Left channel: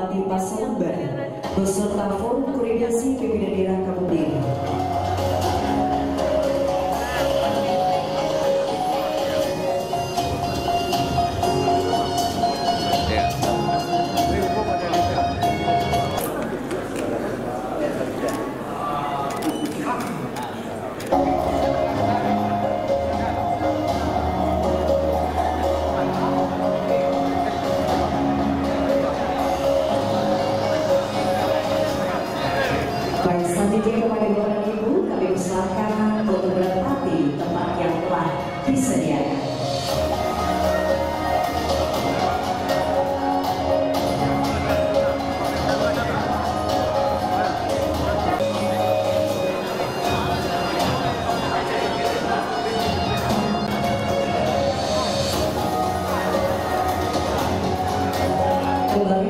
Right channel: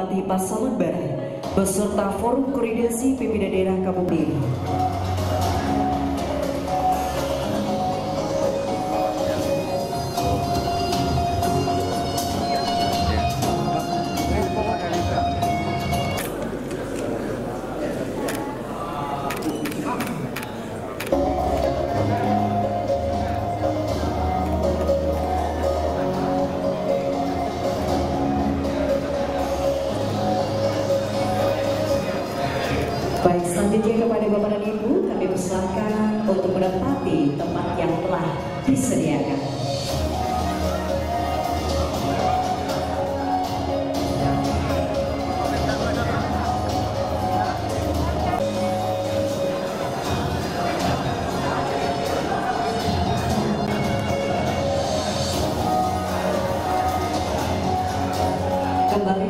Bupati Pasalembar beserta Forum Koordinasi Pimpinan Daerah Kabupaten. Baik, selanjutnya kepada Bapak dan Ibu, kami persilakan untuk menempati tempat yang telah disediakan. Kembali.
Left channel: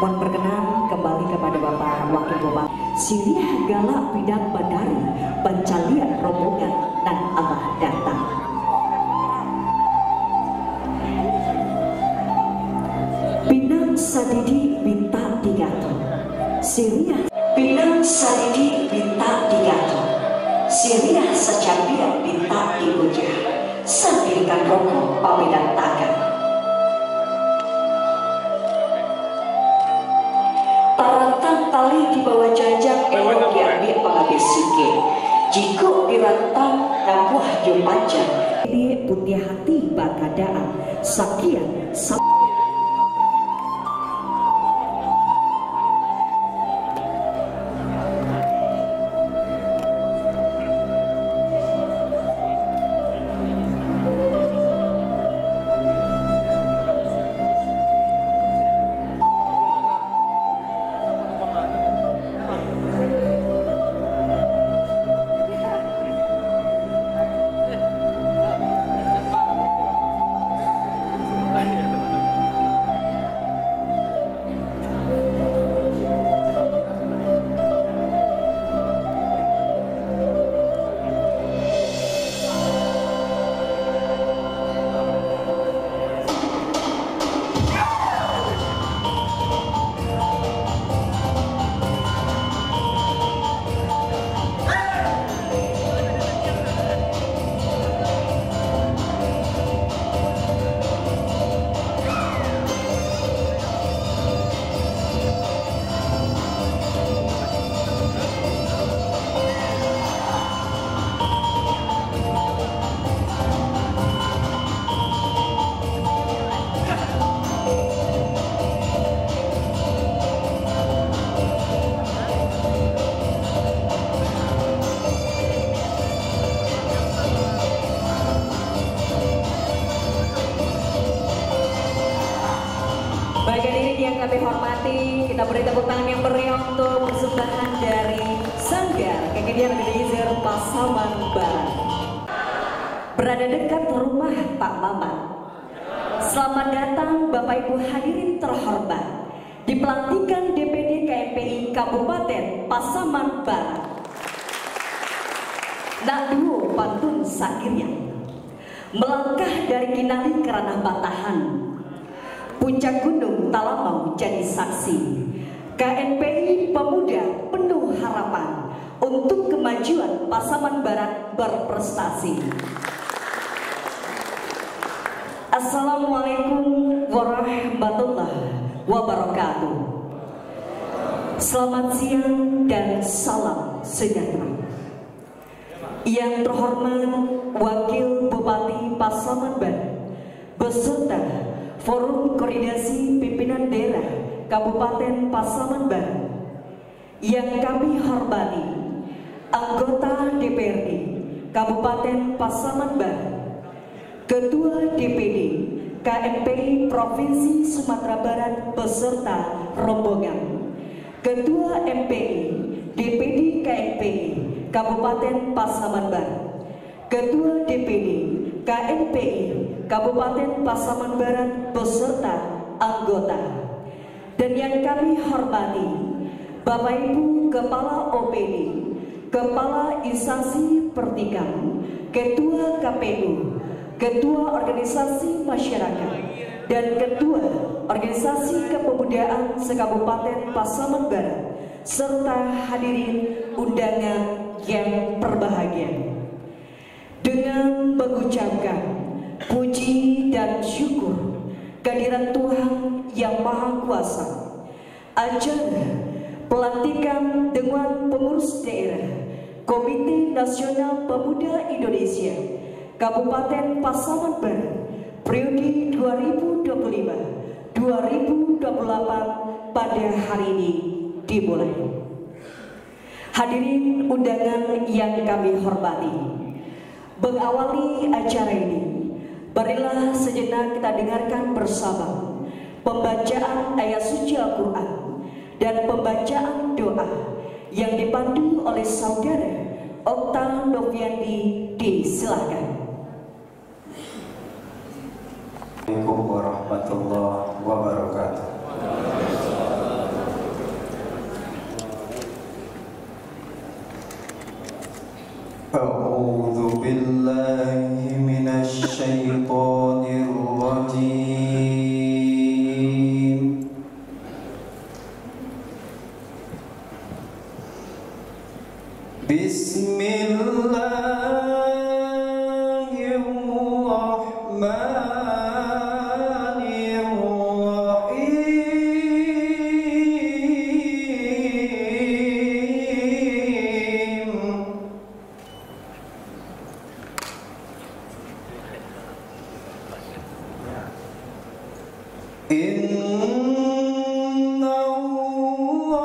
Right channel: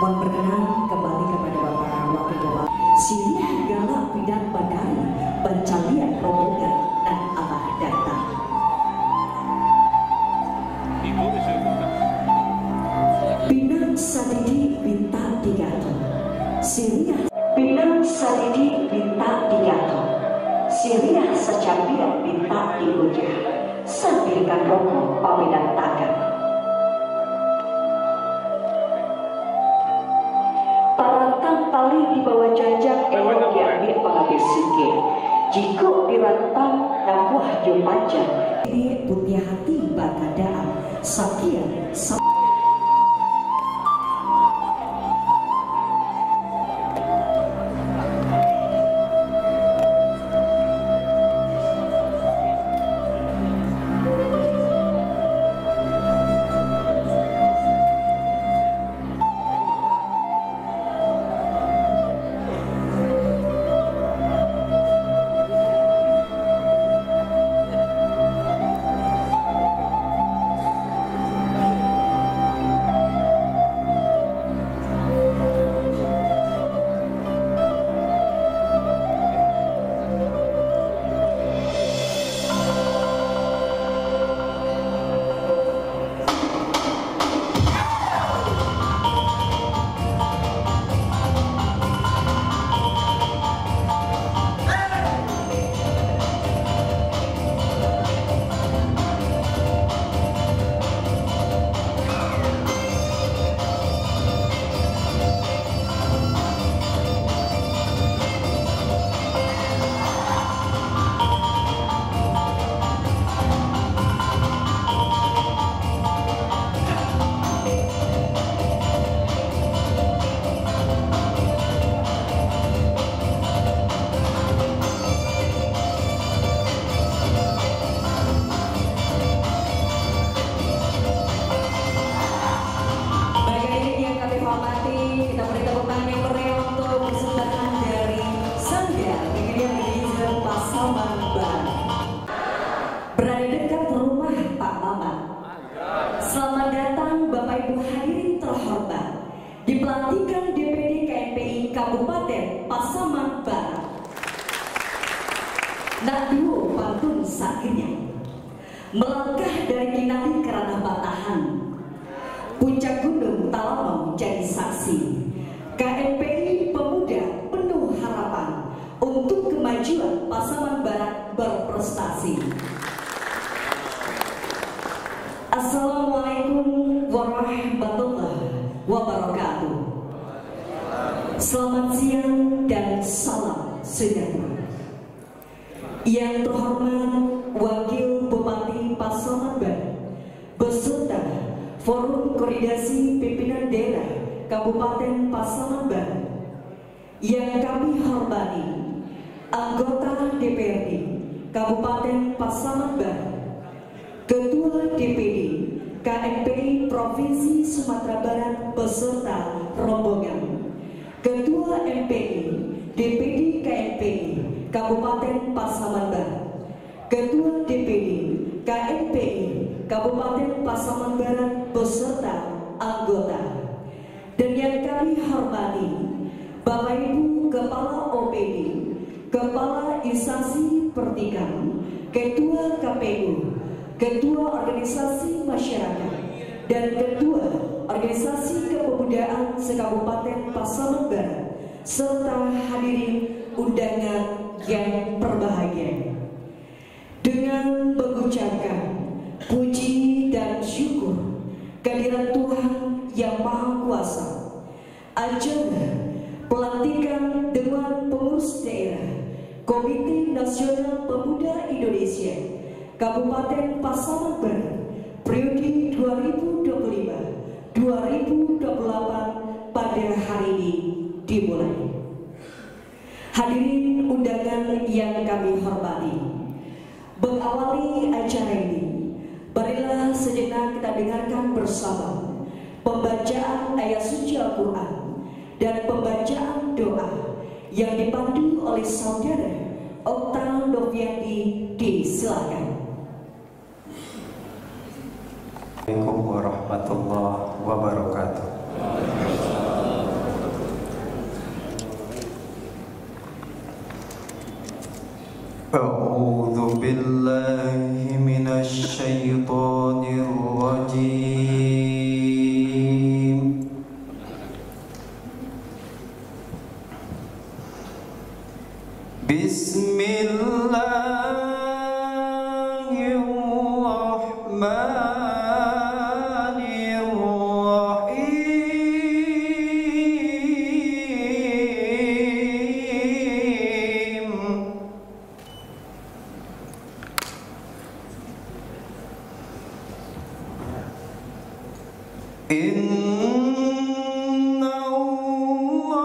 Mohon berkenan kembali kepada Bapak Wakil Bupati Siliah Galak Bidang Bandari Pencalian Rombongan dan Allah datang. Pinang Sadidi Binta Digato Siliah Pinang Sadidi Binta Digato Siliah Secampian Binta Dibujah Sandirikan rokok pamidan tangan. Tarantang tali di bawah jajak elok diambil pengabis sike. Jika dirantang nabuah jumanjang. Ini putih hati bakadaan sakian. di pelantikan DPD KMPI Kabupaten Pasaman Barat. Nak duo pantun sairnya, melangkah dari Kinali ke ranah Batahan, puncak gunung tak lama menjadi saksi. KMPI pemuda penuh harapan untuk kemajuan Pasaman Barat berprestasi. Assalamualaikum warahmatullahi wabarakatuh. Selamat siang dan salam sejahtera. Yang terhormat Wakil Bupati Pasaman Barat beserta Forum Koordinasi Pimpinan Daerah Kabupaten Pasaman Barat, yang kami hormati anggota DPRD Kabupaten Pasaman Barat, Ketua DPD KMPI Provinsi Sumatera Barat beserta rombongan, Ketua MPI DPD KMPI Kabupaten Pasaman Barat, Ketua DPD KMPI Kabupaten Pasaman Barat beserta anggota, dan yang kami hormati Bapak Ibu Kepala OPD, Kepala Instansi Pertikan, Ketua KPU, Ketua Organisasi Masyarakat, dan Ketua Organisasi Kepemudaan se-Kabupaten Pasaman Barat, serta hadirin undangan yang berbahagia. Dengan mengucapkan puji dan syukur kehadirat Tuhan Yang Maha Kuasa, acara pelantikan Dewan Pengurus Daerah Komite Nasional Pemuda Indonesia Kabupaten Pasaman Barat periode 2025-2028 pada hari ini dimulai. Hadirin undangan yang kami hormati, mengawali acara ini, marilah sejenak kita dengarkan bersama pembacaan ayat suci Al-Quran dan pembacaan doa yang dipandu oleh saudara Okta Noviandi. Disilakan. Assalamualaikum warahmatullahi wabarakatuh. A'udzu billahi minasy syaithanir rajim. Inna Allah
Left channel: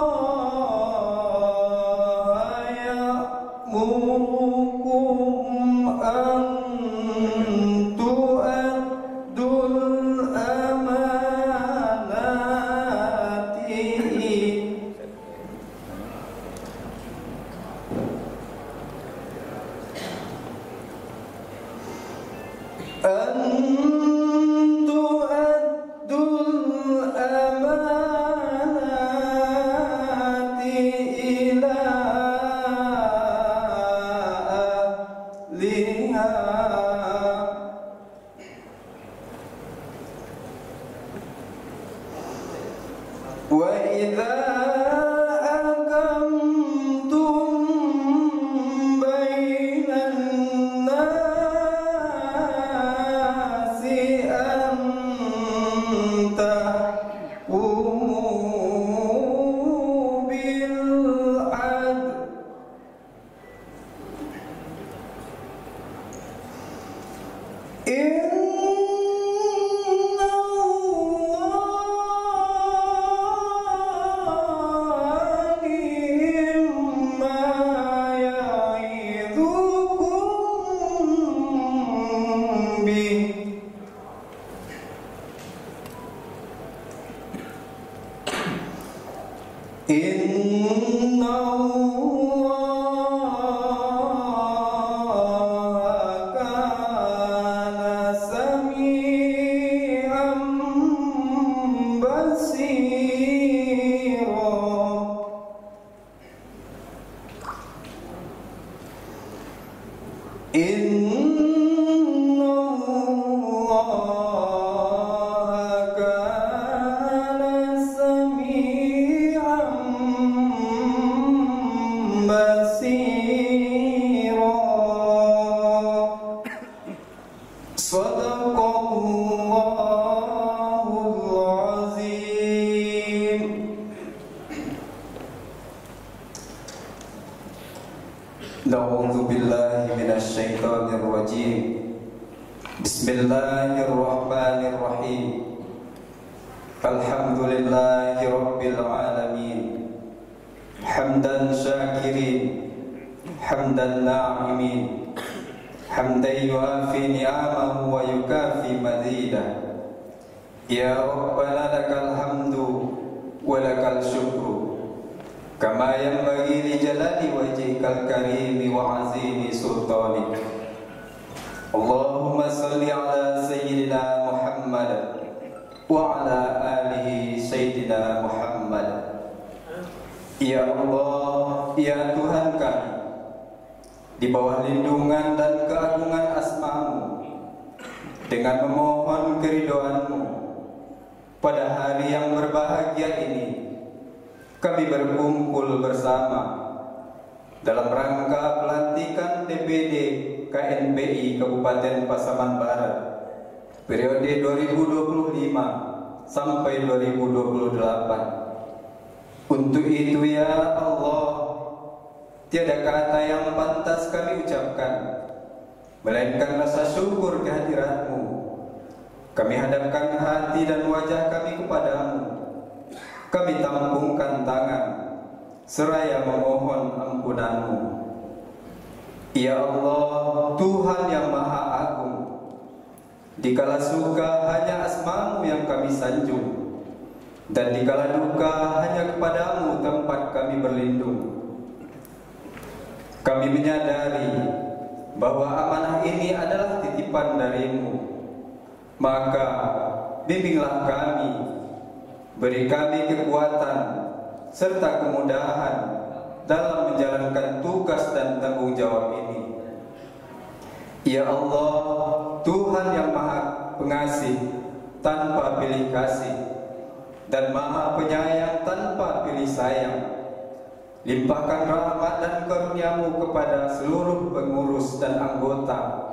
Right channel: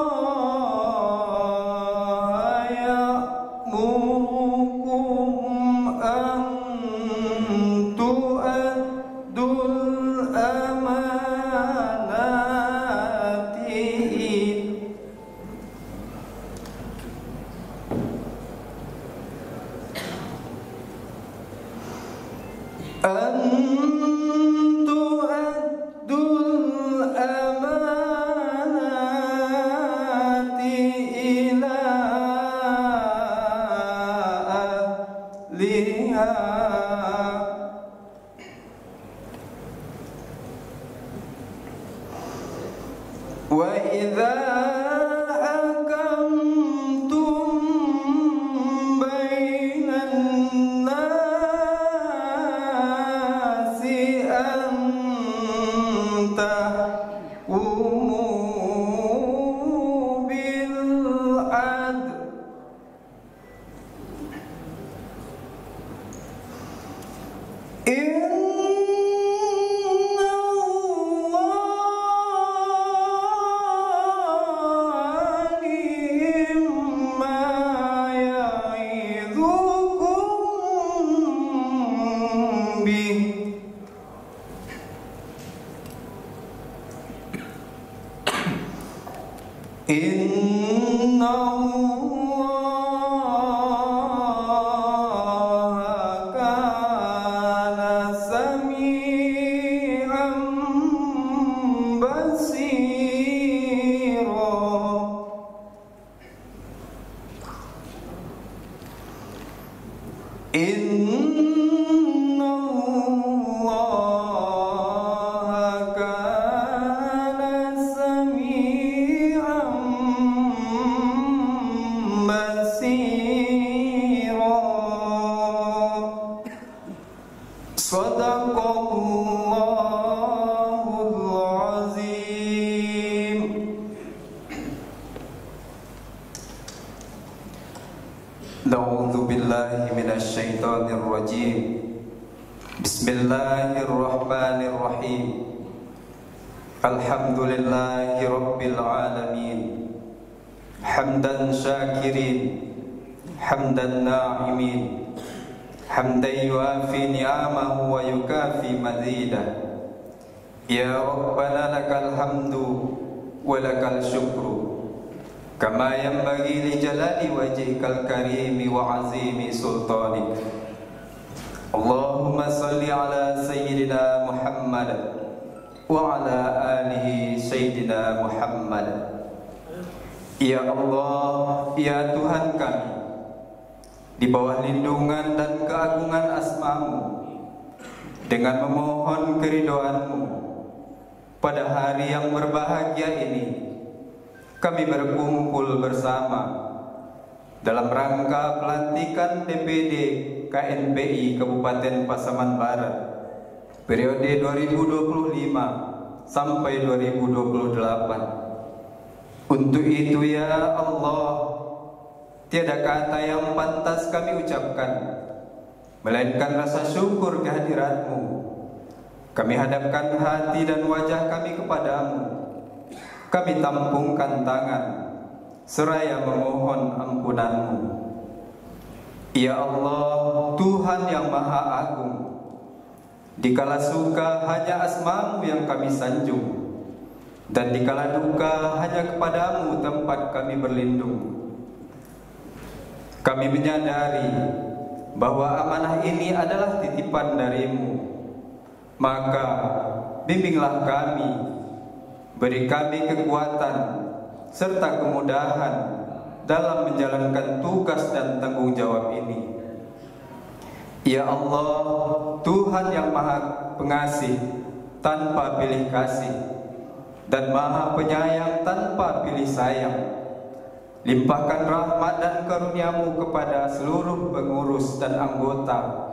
ya'murukum an tu'addul amanati ila ahliha wa idza hakamtum bainan nasi an tahkumu bil adl Inna Allah kana sami'an basira. A'udzu billahi minasyaitonir rajim. Bismillahirrahmanirrahim. Alhamdulillahi rabbil alamin. Hamdan syakirin, hamdan na'imin, hamdan yuafi ni'amahu wa yukafi mazidah. Ya Rabbana lakal hamdu wa lakal syukru kama yanbaghi li jalali wajhikal karimi wa azimi sultanik. Allahumma salli ala sayyidina Muhammad wa ala alihi sayyidina Muhammad. Ya Allah, ya Tuhan kami, di bawah lindungan dan keagungan asma-Mu, dengan memohon keridhaan-Mu, pada hari yang berbahagia ini kami berkumpul bersama dalam rangka pelantikan DPD KNPI Kabupaten Pasaman Barat periode 2025 sampai 2028. Untuk itu ya Allah, tiada kata yang pantas kami ucapkan melainkan rasa syukur kehadirat-Mu. Kami hadapkan hati dan wajah kami kepadamu. Kami tampungkan tangan seraya memohon ampunan-Mu. Ya Allah, Tuhan yang Maha Agung, dikala suka hanya asma-Mu yang kami sanjung, dan dikala duka hanya kepadamu tempat kami berlindung. Kami menyadari bahwa amanah ini adalah titipan darimu. Maka bimbinglah kami, beri kami kekuatan serta kemudahan dalam menjalankan tugas dan tanggung jawab ini. Ya Allah, Tuhan yang Maha Pengasih tanpa pilih kasih dan Maha Penyayang tanpa pilih sayang, limpahkan rahmat dan karunia-Mu kepada seluruh pengurus dan anggota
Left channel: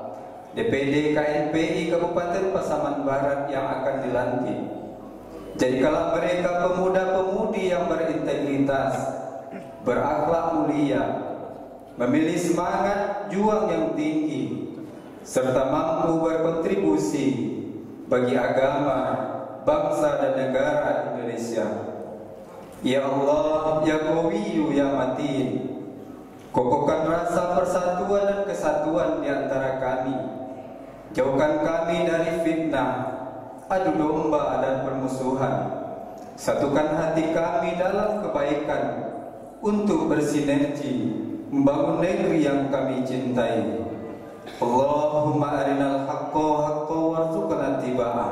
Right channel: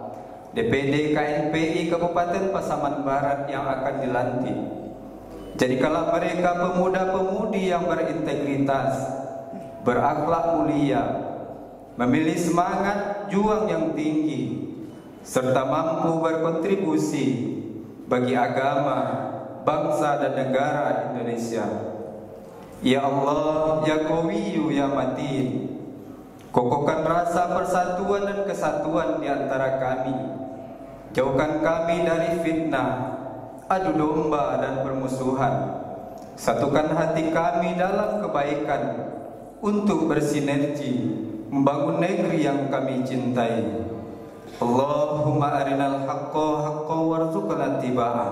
DPD KNPI Kabupaten Pasaman Barat yang akan dilantik. Jadikanlah mereka pemuda-pemudi yang berintegritas, berakhlak mulia, memiliki semangat juang yang tinggi, serta mampu berkontribusi bagi agama, bangsa dan negara Indonesia. Ya Allah, ya Qawiyyu, ya Matin, kokohkan rasa persatuan dan kesatuan di antara kami. Jauhkan kami dari fitnah, adu domba dan permusuhan. Satukan hati kami dalam kebaikan untuk bersinergi membangun negeri yang kami cintai. Allahumma arinal haqqa haqqa warzuqna ittiba'ah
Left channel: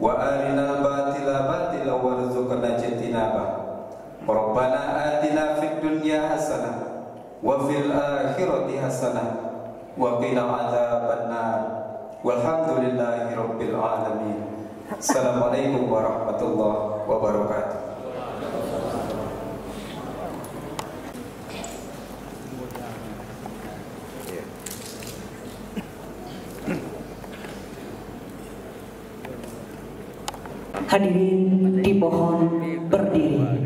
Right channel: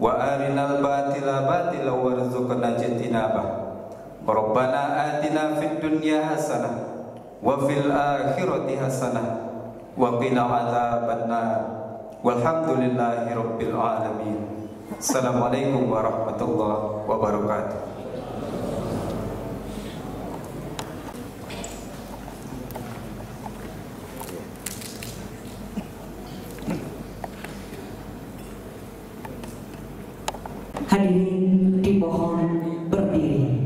wa arinal batila batila warzuqna ijtinabah. Rabbana atina fid dunya hasanah wa fil akhirati hasanah wa qina adzabannar. Walhamdulillahi rabbil alamin. Assalamualaikum warahmatullahi wabarakatuh. Hadirin dimohon berdiri.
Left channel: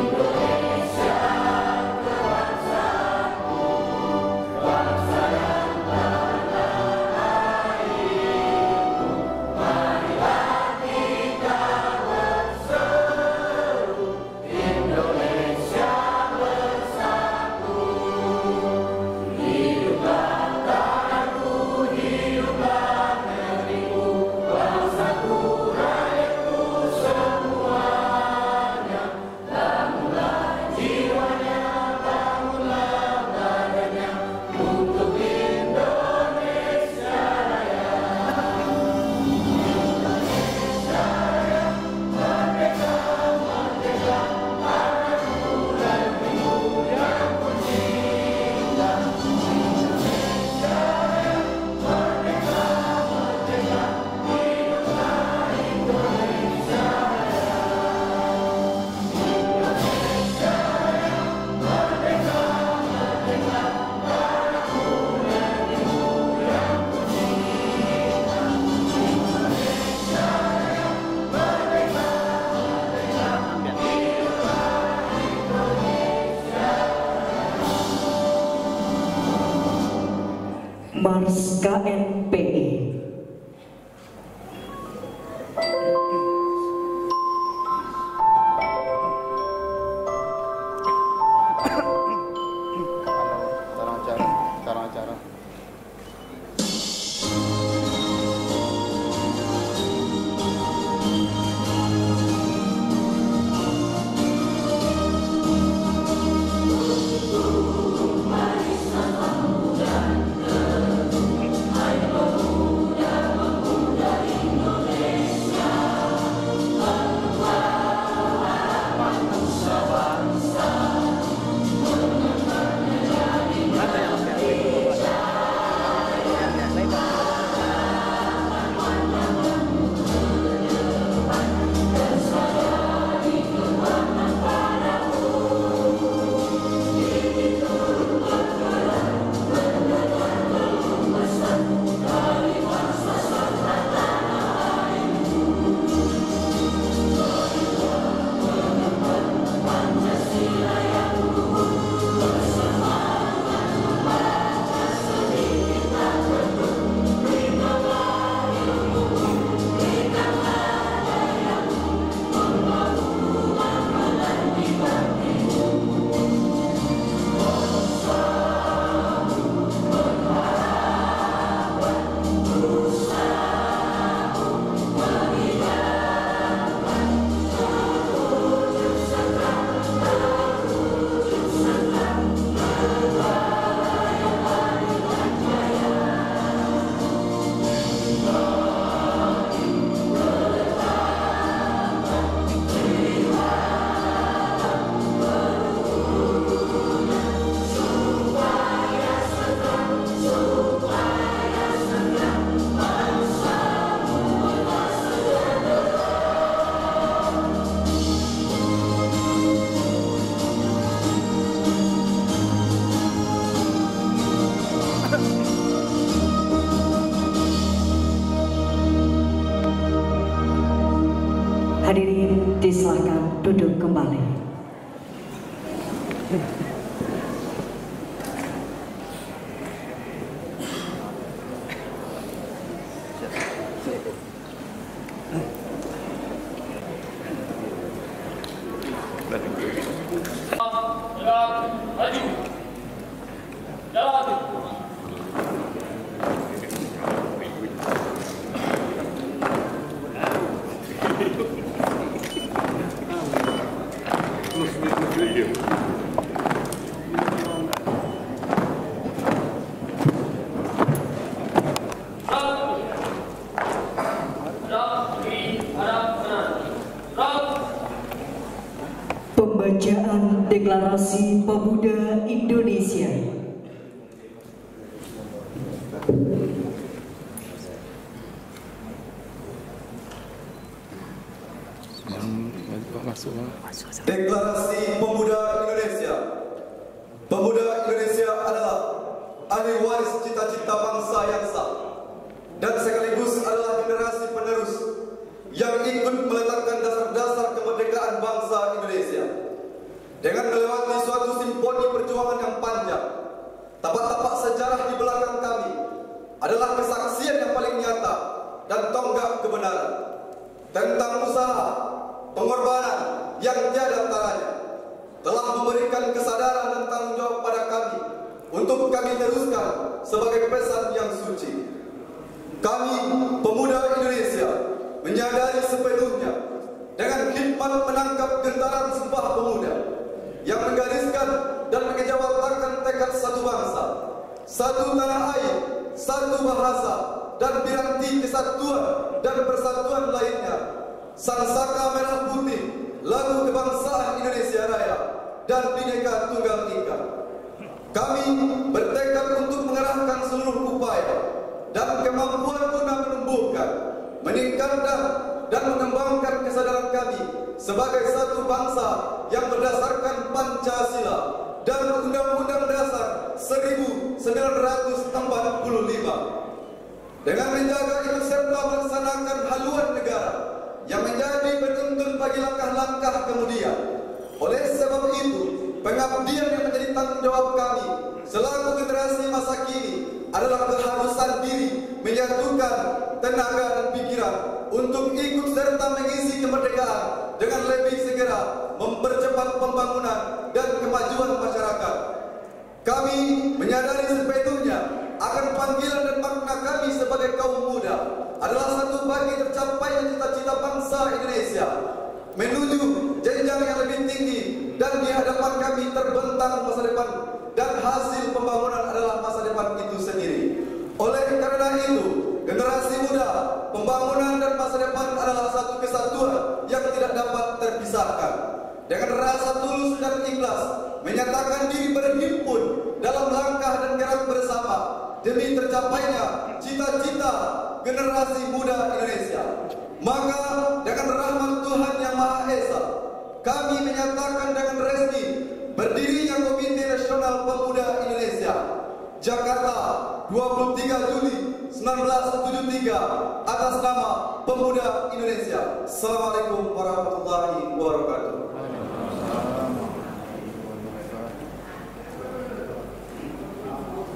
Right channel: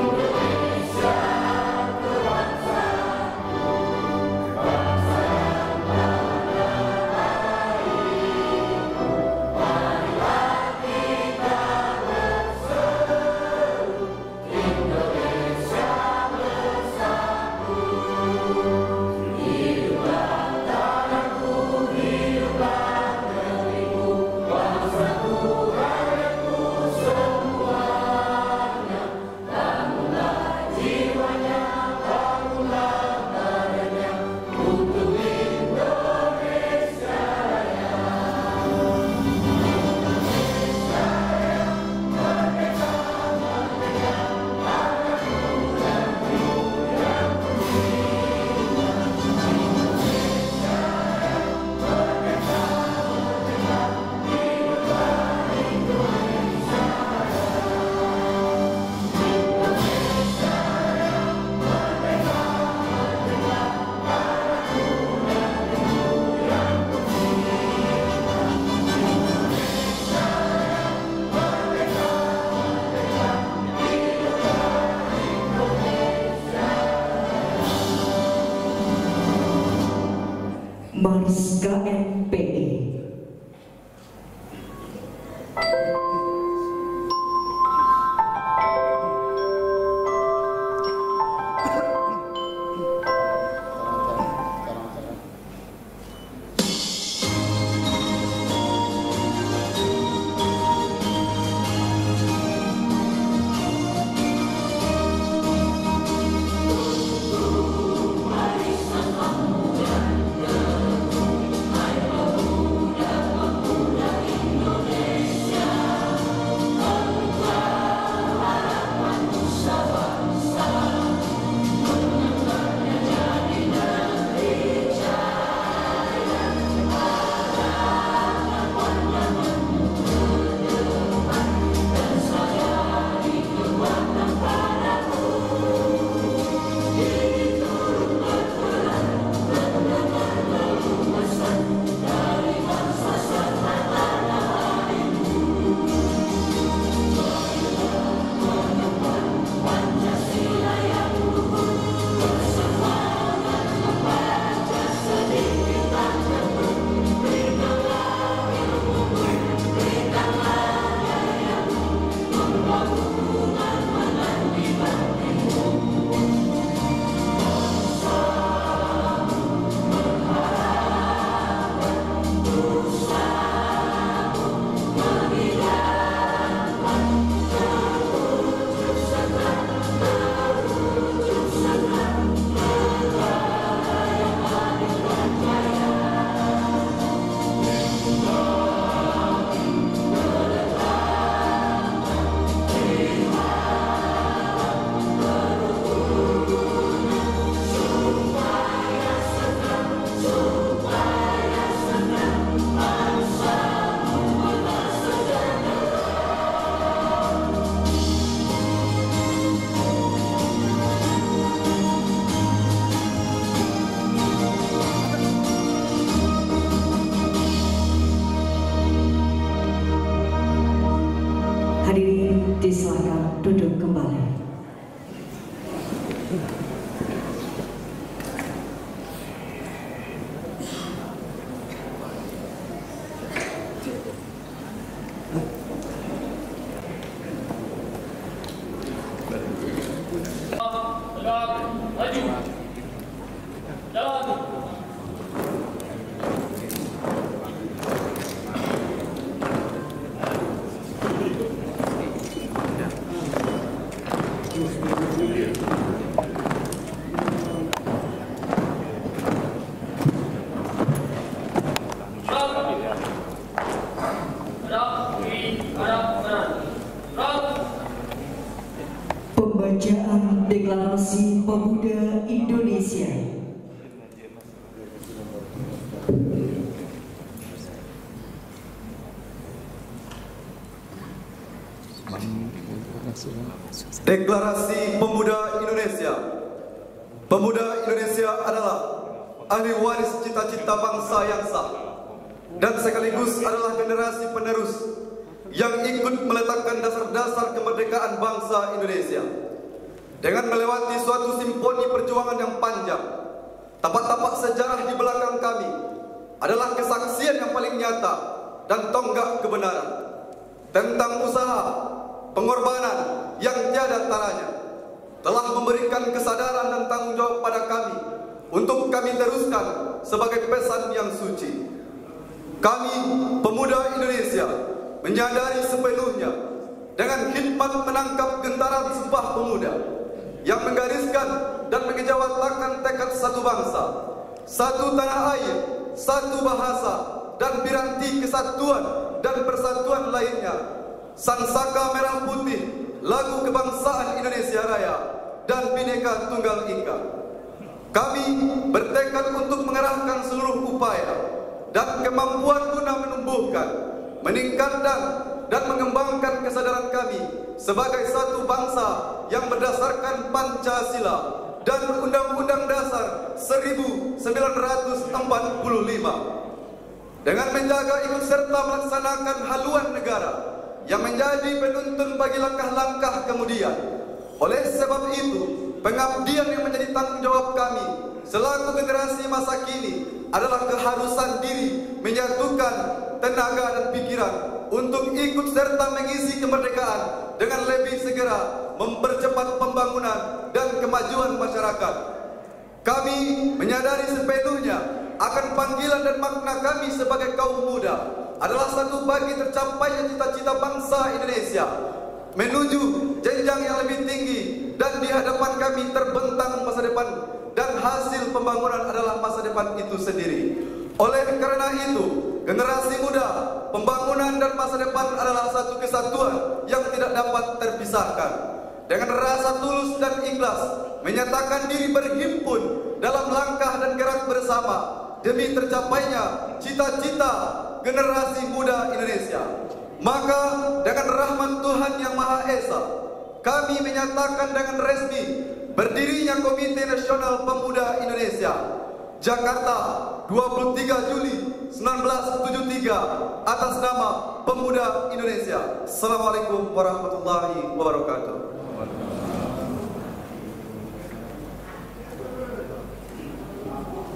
Indonesia Pers KNPI. Hadirin disilakan duduk kembali. Pembacaan Deklarasi Pemuda Indonesia. Deklarasi Pemuda Indonesia. Pemuda Indonesia adalah ahli waris cita-cita bangsa yang sah dan sekaligus adalah generasi penerus yang ikut meletakkan dasar-dasar kemerdekaan bangsa Indonesia. Dengan melewati suatu simponi perjuangan yang panjang, tapak-tapak sejarah di belakang kami adalah kesaksian yang paling nyata dan tonggak kebenaran tentang usaha, pengorbanan yang tiada taranya telah memberikan kesadaran dan tanggung jawab pada kami untuk kami teruskan sebagai pesan yang suci. Kami, pemuda Indonesia, menyadari sepenuhnya dengan khidmat menangkap gentaran Sumpah Pemuda yang menggariskan dan mengejawantahkan tekad satu bangsa, satu tanah air, satu bahasa, dan piranti kesatuan dan persatuan lainnya, Sang Saka Merah Putih, lagu kebangsaan Indonesia Raya, dan Bhinneka Tunggal Ika. Kami bertekad untuk mengerahkan seluruh upaya dan kemampuan guna menumbuhkan, meningkatkan, dan mengembangkan kesadaran kami sebagai satu bangsa yang berdasarkan Pancasila dan Undang-Undang Dasar 1945. Dengan menjaga ikut serta melaksanakan haluan negara yang menjadi penuntun bagi langkah-langkah kemudian. Oleh sebab itu, pengabdian yang menjadi tanggung jawab kami selaku generasi masa kini adalah keharusan serta mengisi kemerdekaan dengan lebih segera mempercepat pembangunan dan kemajuan masyarakat. Kami menyadari sepenuhnya akan panggilan dan makna kami sebagai kaum muda adalah satu bagi tercapainya cita-cita bangsa Indonesia menuju jenjang yang lebih tinggi, dan di hadapan kami terbentang masa depan, dan hasil pembangunan adalah masa depan itu sendiri. Oleh karena itu, generasi muda, pembangunan dan masa depan adalah satu kesatuan yang tidak dapat terpisahkan. Dengan rasa tulus dan ikhlas menyatakan diri berhimpun dalam langkah dan gerak bersama demi tercapainya cita-cita generasi muda Indonesia. Maka dengan rahmat Tuhan Yang Maha Esa, kami menyatakan dengan resmi berdirinya Komite Nasional Pemuda Indonesia Jakarta 23 Juli 1973 atas nama Pemuda Indonesia. Assalamualaikum warahmatullahi wabarakatuh.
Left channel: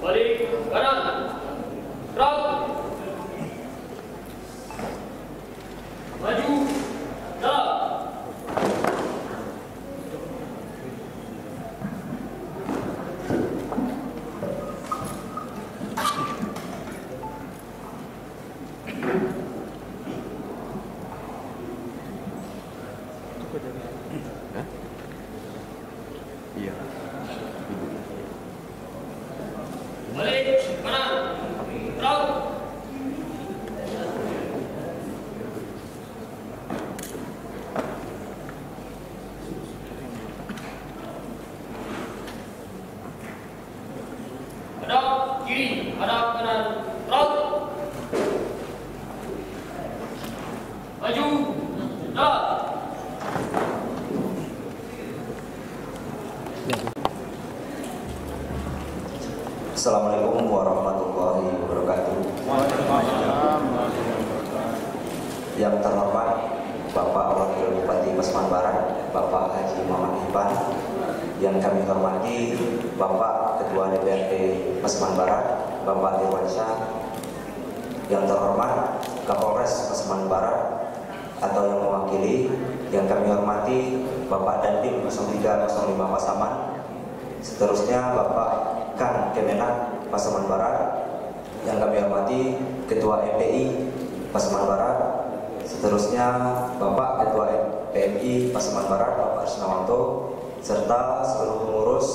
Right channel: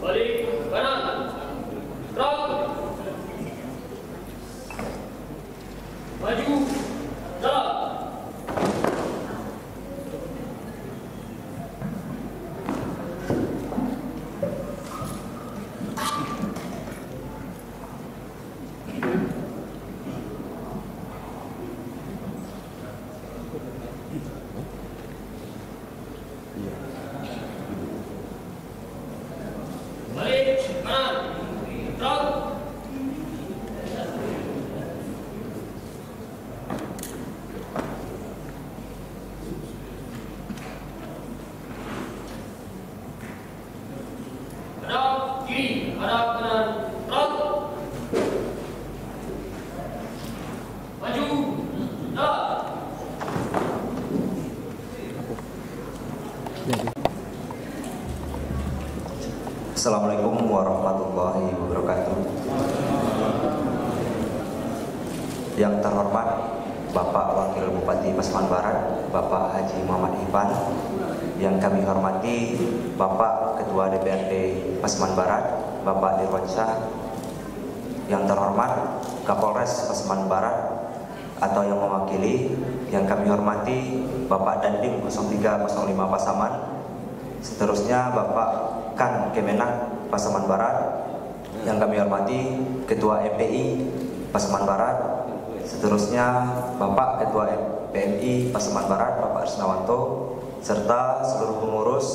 Balik kanan, gerak, maju, gerak. Balik kanan, gerak. Hadap kiri, hadap kanan, gerak. Maju, gerak. Assalamualaikum warahmatullahi wabarakatuh. Yang terhormat Bapak Wakil Bupati Pasaman Barat, Bapak Haji Muhammad Ivan. Yang kami hormati Bapak Ketua DPRD Pasaman Barat, Bapak Dirwansyah. Yang terhormat Kapolres Pasaman Barat atau yang mewakili. Yang kami hormati Bapak Dandim 0305 Pasaman. Seterusnya Bapak Kan Kemenak Pasaman Barat. Yang kami hormati Ketua MPI Pasaman Barat. Seterusnya Bapak Ketua PMI Pasaman Barat, Bapak Risnawanto, serta seluruh pengurus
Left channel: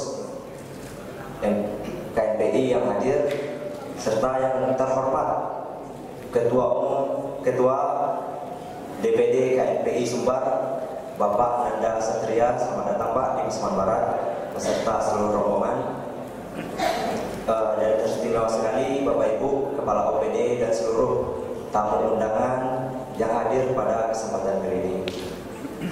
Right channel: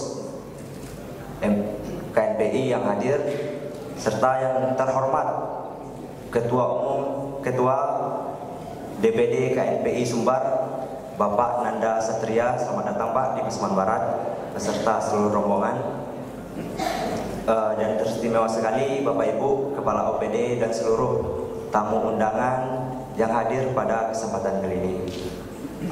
KNPI yang hadir, serta yang terhormat Ketua Umum, Ketua DPD KNPI Sumbar, Bapak Nanda Satria. Selamat datang Pak di Pasaman Barat beserta seluruh rombongan. Dan teristimewa sekali Bapak Ibu Kepala OPD dan seluruh tamu undangan yang hadir pada kesempatan kali ini.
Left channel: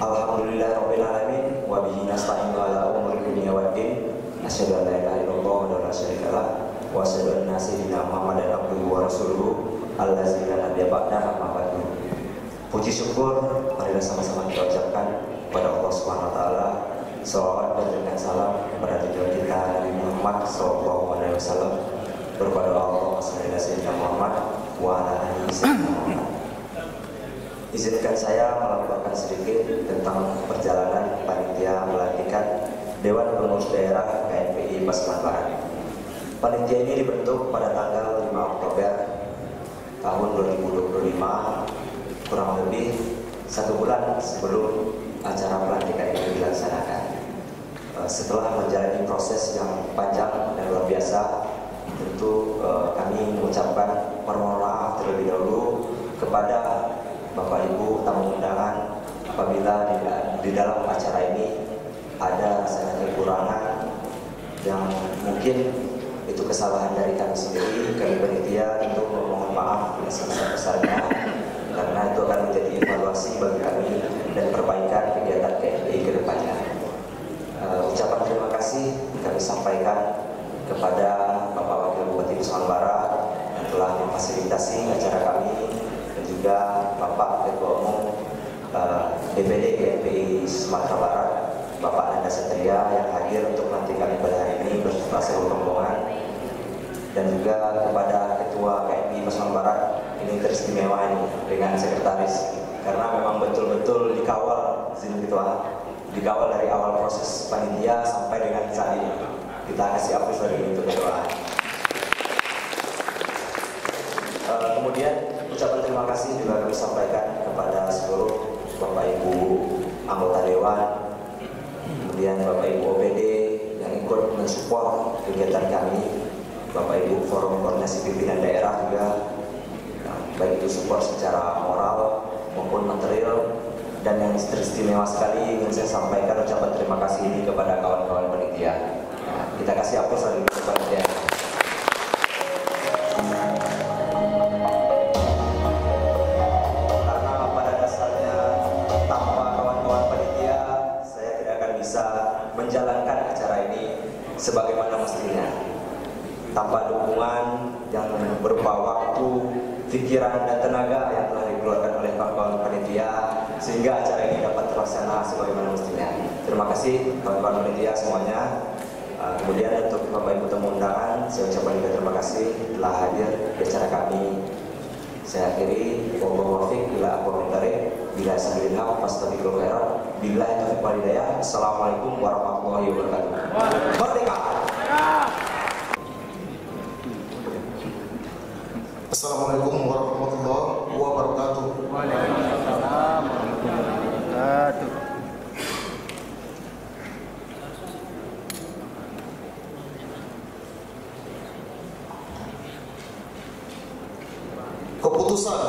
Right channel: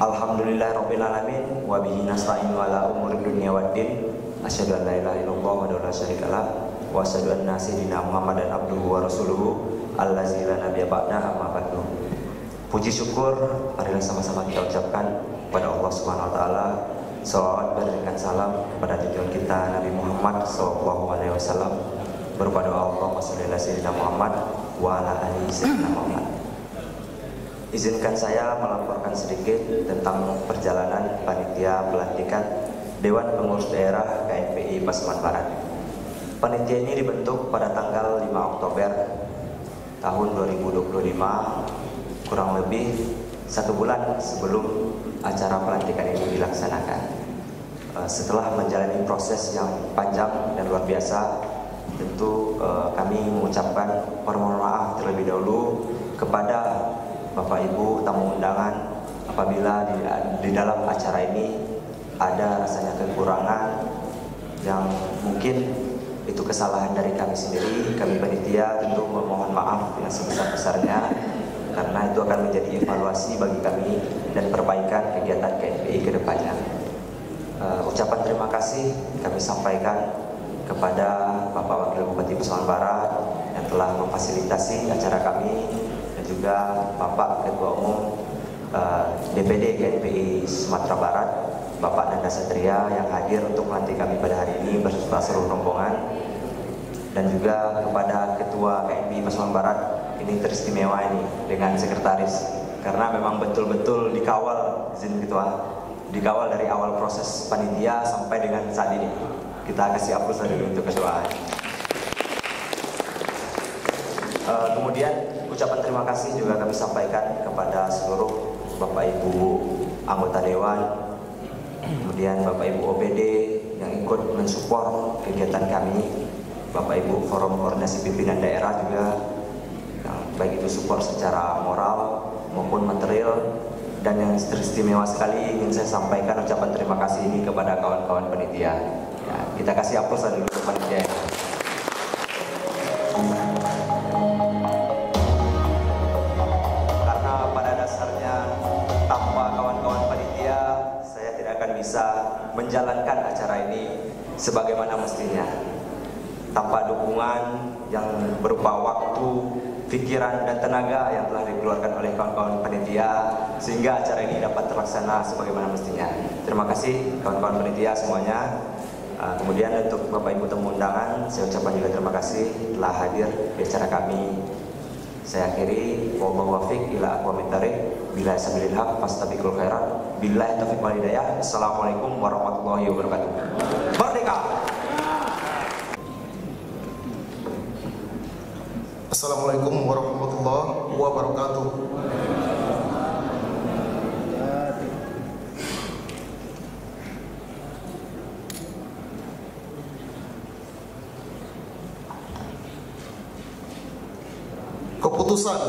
Alhamdulillah Rabbil Alamin, wa bihi nasta'inu ala umuri dunya waddin. Asyhadu an la ilaha illallah wa la syarika lah, wa asyhadu anna sayyidina Muhammadan abduhu wa rasuluhu allazi la nabiyya ba'da, amma ba'du. Puji syukur marilah sama-sama kita ucapkan kepada Allah Subhanahu wa taala. Salawat dan salam kepada tujuan kita Nabi Muhammad SAW. Berpada Allah Sayyidina Muhammad wa ala alihi Sayyidina Muhammad. Izinkan saya melaporkan sedikit tentang perjalanan panitia pelantikan Dewan Pengurus Daerah KNPI Pasaman Barat. Panitia ini dibentuk pada tanggal 5 Oktober tahun 2025, kurang lebih 1 bulan sebelum acara pelantikan ini dilaksanakan. Setelah menjalani proses yang panjang dan luar biasa, tentu kami mengucapkan permohonan maaf terlebih dahulu kepada Bapak Ibu tamu undangan apabila di dalam acara ini ada rasanya kekurangan yang mungkin itu kesalahan dari kami sendiri. Kami panitia tentu memohon maaf yang sebesar-besarnya, karena itu akan menjadi evaluasi bagi kami dan perbaikan kegiatan KNPI ke depannya. Ucapan terima kasih kami sampaikan kepada Bapak Wakil Bupati Pasaman Barat yang telah memfasilitasi acara kami, dan juga Bapak Ketua Umum DPD KNPI Sumatera Barat, Bapak Nanda Satria yang hadir untuk melantik kami pada hari ini beserta seluruh rombongan, dan juga kepada Ketua KNPI Pasaman Barat ini teristimewa ini dengan sekretaris karena memang betul-betul dikawal izin ketua, dikawal dari awal proses panitia sampai dengan saat ini. Kita kasih aplaus dari untuk ketua. Kemudian ucapan terima kasih juga kami sampaikan kepada seluruh Bapak Ibu anggota Dewan, kemudian Bapak Ibu OPD yang ikut mensupport kegiatan kami, Bapak Ibu Forum Koordinasi Pimpinan Daerah juga, baik itu support secara moral maupun material. Dan yang teristimewa sekali ingin saya sampaikan ucapan terima kasih ini kepada kawan-kawan panitia. Kita kasih aplaus dari panitia. Karena pada dasarnya tanpa kawan-kawan panitia saya tidak akan bisa menjalankan acara ini sebagaimana mestinya. Tanpa dukungan yang berupa waktu, pikiran dan tenaga yang telah dikeluarkan oleh kawan-kawan panitia sehingga acara ini dapat terlaksana sebagaimana mestinya. Terima kasih kawan-kawan panitia semuanya. Kemudian untuk Bapak Ibu tamu undangan, saya ucapkan juga terima kasih telah hadir di acara kami. Saya akhiri, wabillahi taufiq ila aqwamit thariq, bila sabilil haq fastabiqul khairat, billahi taufiq wal hidayah. Assalamualaikum warahmatullahi wabarakatuh. Merdeka. Assalamualaikum warahmatullahi wabarakatuh. Keputusan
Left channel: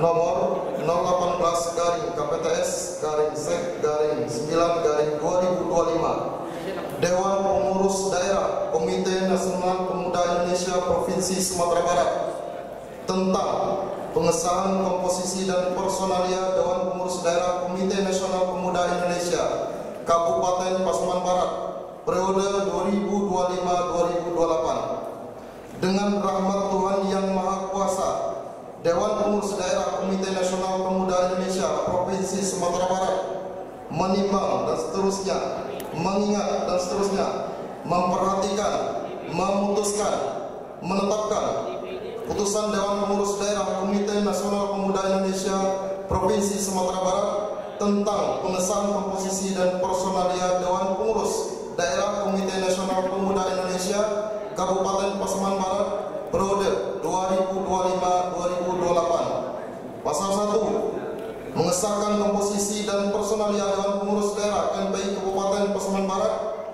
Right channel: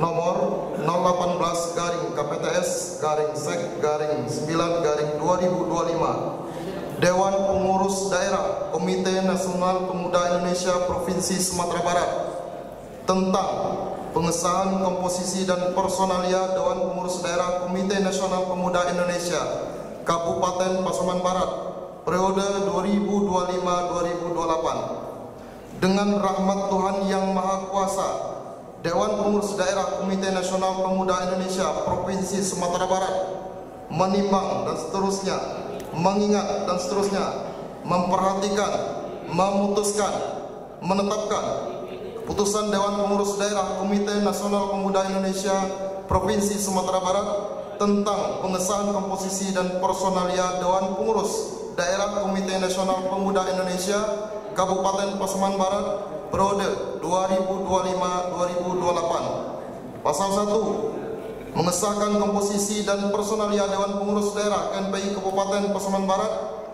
nomor 018 garing KPTS garing Sek garing 9 garing 2025 Dewan Pengurus Daerah Komite Nasional Pemuda Indonesia Provinsi Sumatera Barat tentang pengesahan komposisi dan personalia Dewan Pengurus Daerah Komite Nasional Pemuda Indonesia Kabupaten Pasaman Barat periode 2025-2028. Dengan rahmat Tuhan Yang Maha Kuasa, Dewan Pengurus Daerah Komite Nasional Pemuda Indonesia Provinsi Sumatera Barat menimbang dan seterusnya, mengingat dan seterusnya, memperhatikan, memutuskan, menetapkan Putusan Dewan Pengurus Daerah Komite Nasional Pemuda Indonesia Provinsi Sumatera Barat tentang pengesahan komposisi dan personalia Dewan Pengurus Daerah Komite Nasional Pemuda Indonesia Kabupaten Pasaman Barat periode 2025-2028. Pasal 1. Mengesahkan komposisi dan personalia Dewan Pengurus Daerah KNPI Kabupaten Pasaman Barat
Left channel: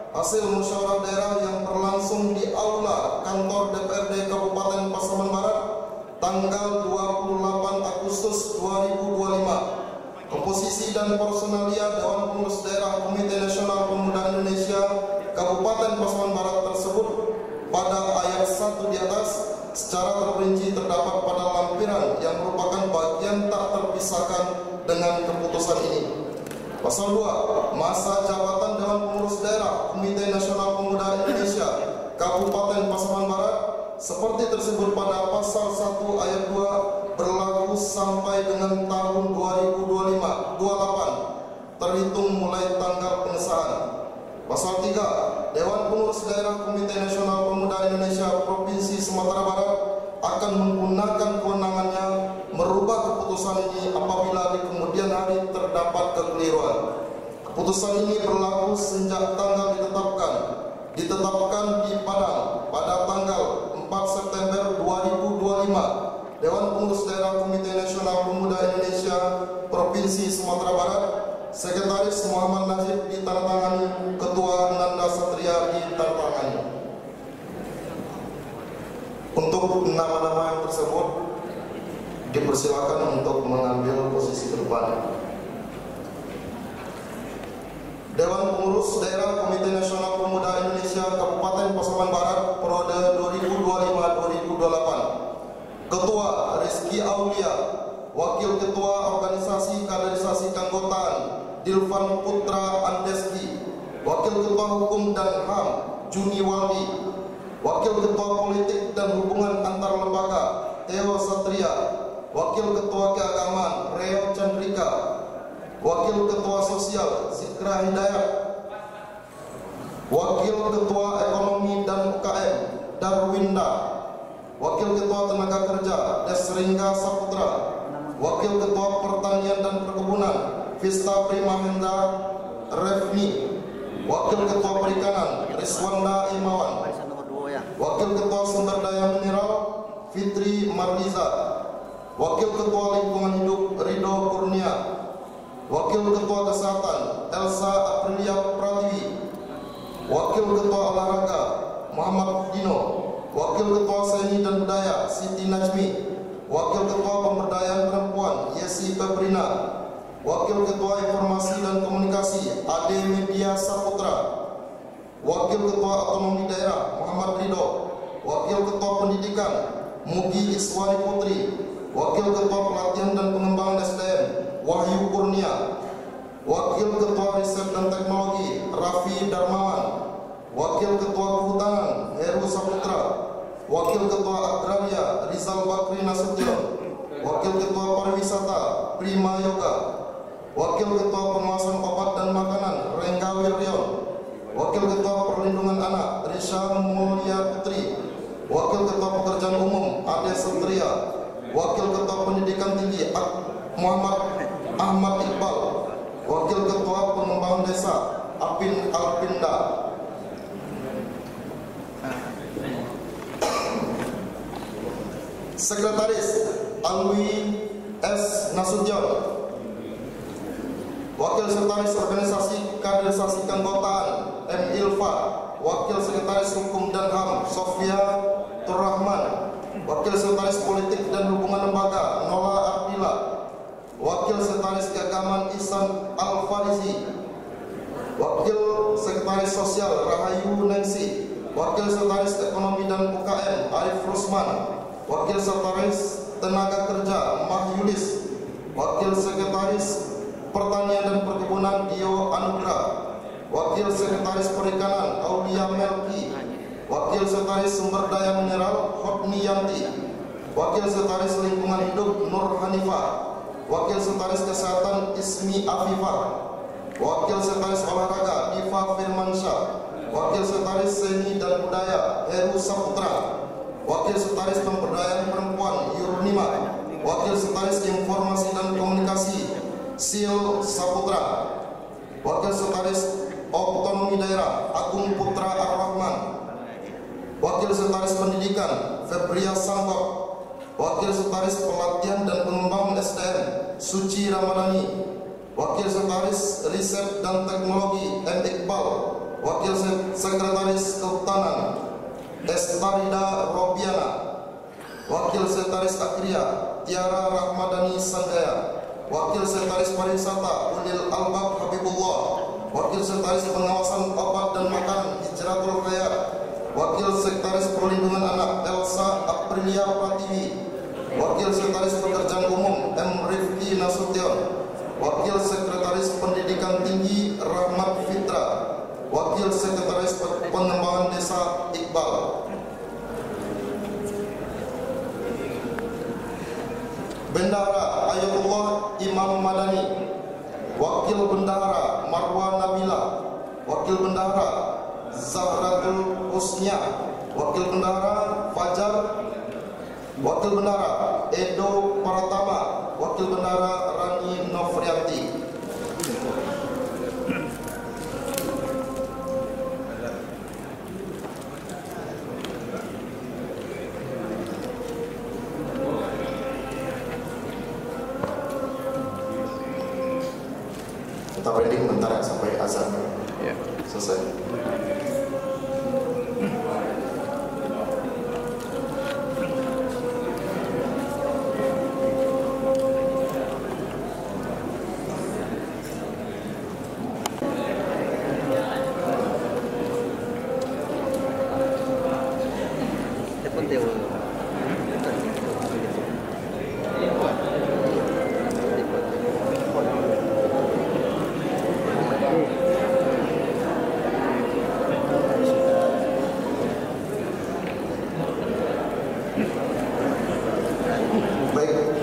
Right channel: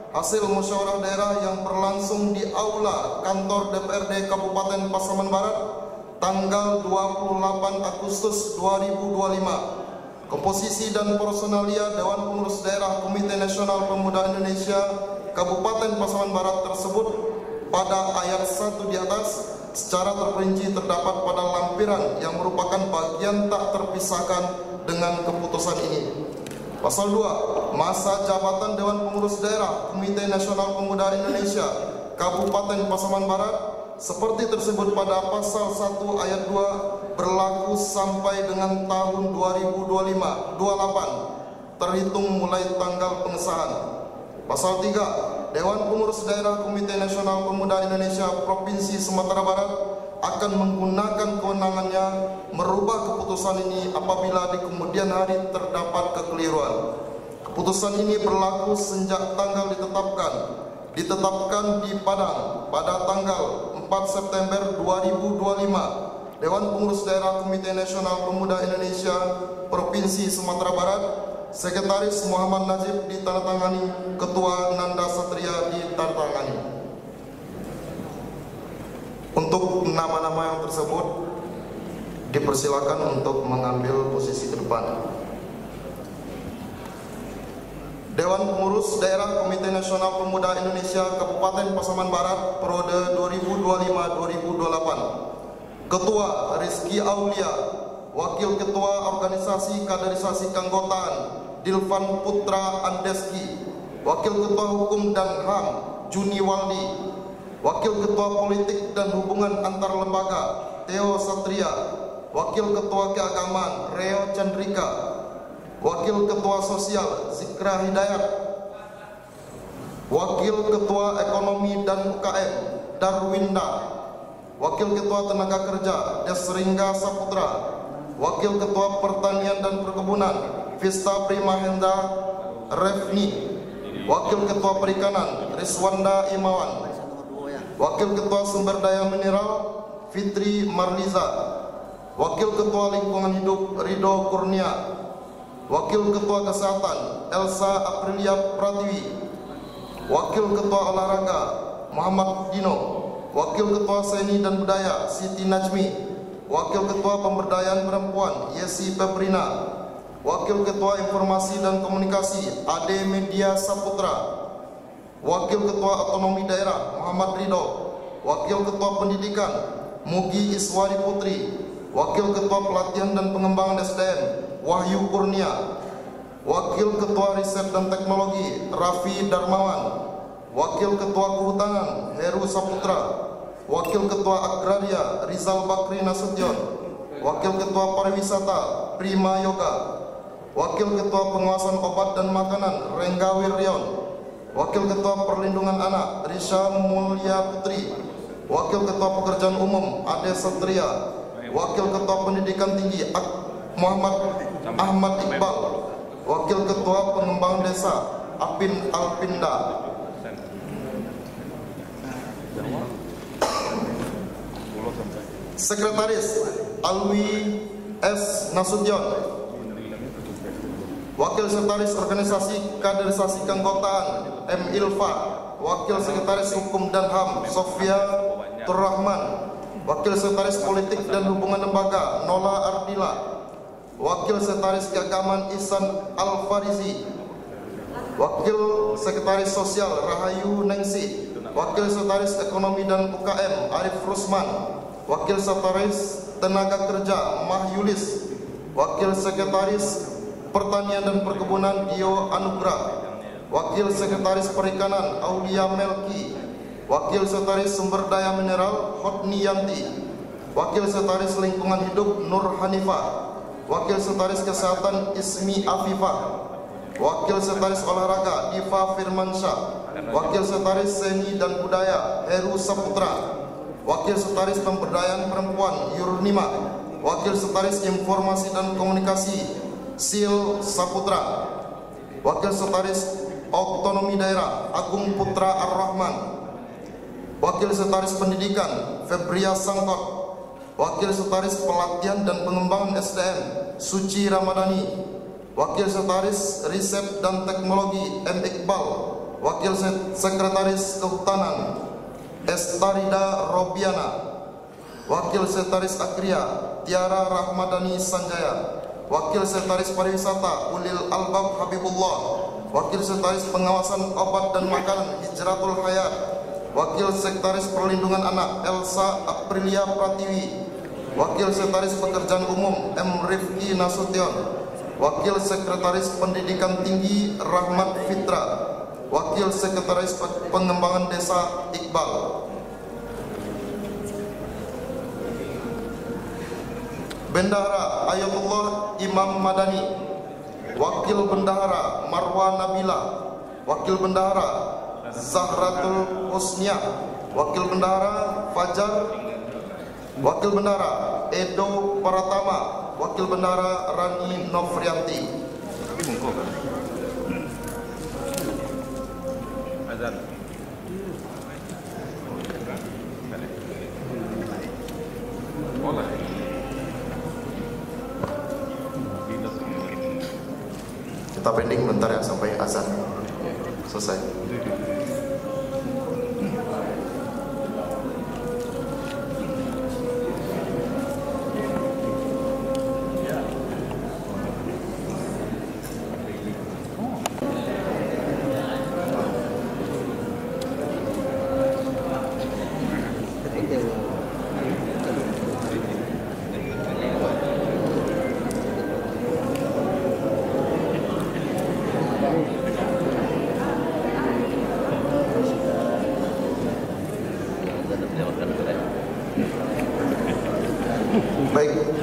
hasil musyawarah daerah yang berlangsung di Aula Kantor DPRD Kabupaten Pasaman Barat tanggal 28 Agustus 2025. Komposisi dan personalia Dewan Pengurus Daerah Komite Nasional Pemuda Indonesia Kabupaten Pasaman Barat tersebut pada ayat 1 di atas secara terperinci terdapat pada lampiran yang merupakan bagian tak terpisahkan dengan keputusan ini. Pasal 2. Masa jabatan Dewan Pengurus Daerah Komite Nasional Pemuda Indonesia Kabupaten Pasaman Barat seperti tersebut pada pasal 1 ayat 2 berlaku sampai dengan tahun 2025-28 terhitung mulai tanggal pengesahan. Pasal 3. Dewan Pengurus Daerah Komite Nasional Pemuda Indonesia Provinsi Sumatera Barat akan menggunakan kewenangannya merubah keputusan ini apabila di kemudian hari terdapat kekeliruan. Keputusan ini berlaku sejak tanggal ditetapkan di Padang pada tanggal 4 September 2025. Dewan Pengurus Daerah Komite Nasional Pemuda Indonesia Provinsi Sumatera Barat, Sekretaris Muhammad Najib ditandatangani, Ketua Nanda Satria ditandatangani. Untuk nama-nama yang tersebut dipersilakan untuk mengambil posisi ke depan. Dewan Pengurus Daerah Komite Nasional Pemuda Indonesia Kabupaten Pasaman Barat periode 2025-2028. Ketua Rizky Aulia, Wakil Ketua Organisasi Kaderisasi Keanggotaan Dilvan Putra Andeski, Wakil Ketua Hukum dan HAM Juni Waldi, Wakil Ketua Politik dan Hubungan Antar Lembaga Theo Satria, Wakil Ketua Keagamaan Reo Chandrika, Wakil Ketua Sosial Zikra Hidayat, Wakil Ketua Ekonomi dan UKM Darwinda, Wakil Ketua Tenaga Kerja Desringga Saputra, Wakil Ketua Pertanian dan Perkebunan Vista Primahendra Refni. Wakil Ketua Perikanan Riswanda Imawan. Wakil Ketua Sumber Daya Mineral Fitri Marliza. Wakil Ketua Lingkungan Hidup Ridho Kurnia. Wakil Ketua Kesehatan Elsa Aprilia Pratiwi. Wakil Ketua Olahraga Muhammad Dino. Wakil Ketua Seni dan Budaya Siti Najmi. Wakil Ketua Pemberdayaan Perempuan Yesi Pebrina. Wakil Ketua Informasi dan Komunikasi Ade Media Saputra. Wakil Ketua Otonomi Daerah Muhammad Ridho. Wakil Ketua Pendidikan Mugi Iswari Putri. Wakil Ketua Pelatihan dan Pengembangan SDM Wahyu Kurnia. Wakil Ketua Riset dan Teknologi Raffi Darmawan. Wakil Ketua Kehutanan Heru Saputra. Wakil Ketua Agraria Rizal Bakri Nasution. Wakil Ketua Pariwisata Prima Yoga. Wakil Ketua Pengawasan Obat dan Makanan Rengga Wiryon. Wakil Ketua Perlindungan Anak Risha Mulia Putri. Wakil Ketua Pekerjaan Umum Ade Satria. Wakil Ketua Pendidikan Tinggi Muhammad Ahmad Iqbal. Wakil Ketua Pengembangan Desa Apin Alpinda. Sekretaris Alwi S. Nasution. Wakil Sekretaris Organisasi Kaderisasi Keanggotaan M. Ilfa. Wakil Sekretaris Hukum dan HAM Sofia Turrahman. Wakil Sekretaris Politik dan Hubungan Lembaga Nola Ardila. Wakil Sekretaris Keagamaan Ihsan Al-Farizi. Wakil Sekretaris Sosial Rahayu Nengsi. Wakil Sekretaris Ekonomi dan UKM Arif Rusman. Wakil Sekretaris Tenaga Kerja Mahyulis. Wakil Sekretaris Pertanian dan Perkebunan Dio Anugrah. Wakil Sekretaris Perikanan Aulia Melki. Wakil Sekretaris Sumber Daya Mineral Hotni Yanti. Wakil Sekretaris Lingkungan Hidup Nur Hanifah. Wakil Sekretaris Kesehatan Ismi Afifah. Wakil Sekretaris Olahraga Diva Firmansyah. Wakil Sekretaris Seni dan Budaya Heru Saputra. Wakil Sekretaris Pemberdayaan Perempuan Yurnima. Wakil Sekretaris Informasi dan Komunikasi Sil Saputra. Wakil Sekretaris Otonomi Daerah Agung Putra Ar-Rahman. Wakil Sekretaris Pendidikan Febria Sangkot. Wakil Sekretaris Pelatihan dan Pengembangan SDM Suci Ramadhani. Wakil Sekretaris Riset dan Teknologi M. Iqbal. Wakil Sekretaris Kehutanan Estarida Robiana. Wakil Sekretaris Agria Tiara Rahmadani Sanjaya. Wakil Sekretaris Pariwisata Ulil Albab Habibullah. Wakil Sekretaris Pengawasan Obat dan Makanan Hijratul Hayat. Wakil Sekretaris Perlindungan Anak Elsa Aprilia Pratiwi. Wakil Sekretaris Pekerjaan Umum M. Rifki Nasution. Wakil Sekretaris Pendidikan Tinggi Rahmat Fitra. Wakil Sekretaris Pengembangan Desa Iqbal. Bendahara Ayatullah Imam Madani. Wakil Bendahara Marwa Nabila. Wakil Bendahara Zahratul Husnia. Wakil Bendahara Fajar. Wakil Bendahara Edo Paratama. Wakil Bendahara Rani Novrianti. Kita pending bentar ya sampai azan selesai.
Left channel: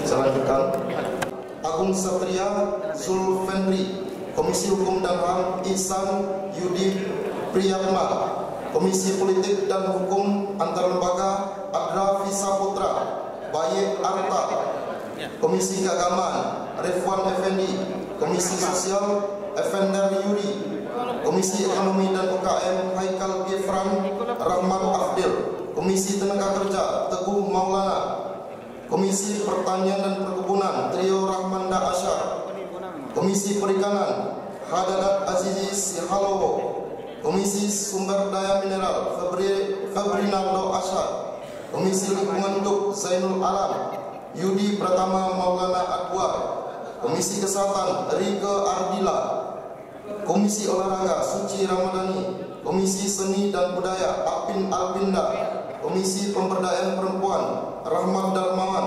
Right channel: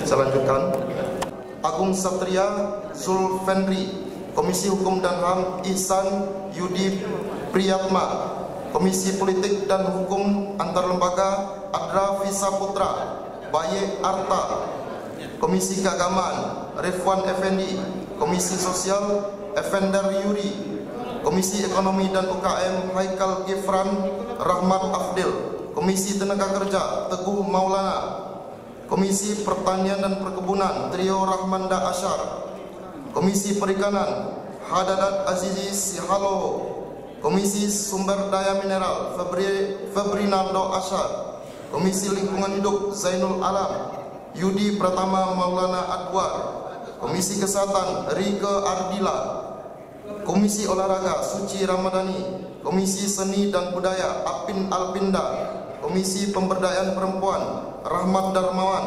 Saya lanjutkan. Agung Satria Zulfendri, Komisi Hukum dan HAM Ihsan Yudi Priyatma, Komisi Politik dan Hukum Antar Lembaga Adra Visa Putra, Baye Arta, Komisi Keagamaan Refwan Effendi, Komisi Sosial Effender Yuri, Komisi Ekonomi dan UKM Haikal Gifran Rahmat Afdil, Komisi Tenaga Kerja Teguh Maulana, Komisi Pertanian dan Perkebunan Trio Rahmanda Asyar, Komisi Perikanan Hadanat Azizi Sihalowo, Komisi Sumber Daya Mineral Febrinaldo Asyar, Komisi Lingkungan Hidup Zainul Alam, Yudi Pratama Maulana Adwar, Komisi Kesehatan Rike Ardila, Komisi Olahraga Suci Ramadhani, Komisi Seni dan Budaya Apin Alpinda, Komisi Pemberdayaan Perempuan Rahmat Darmawan,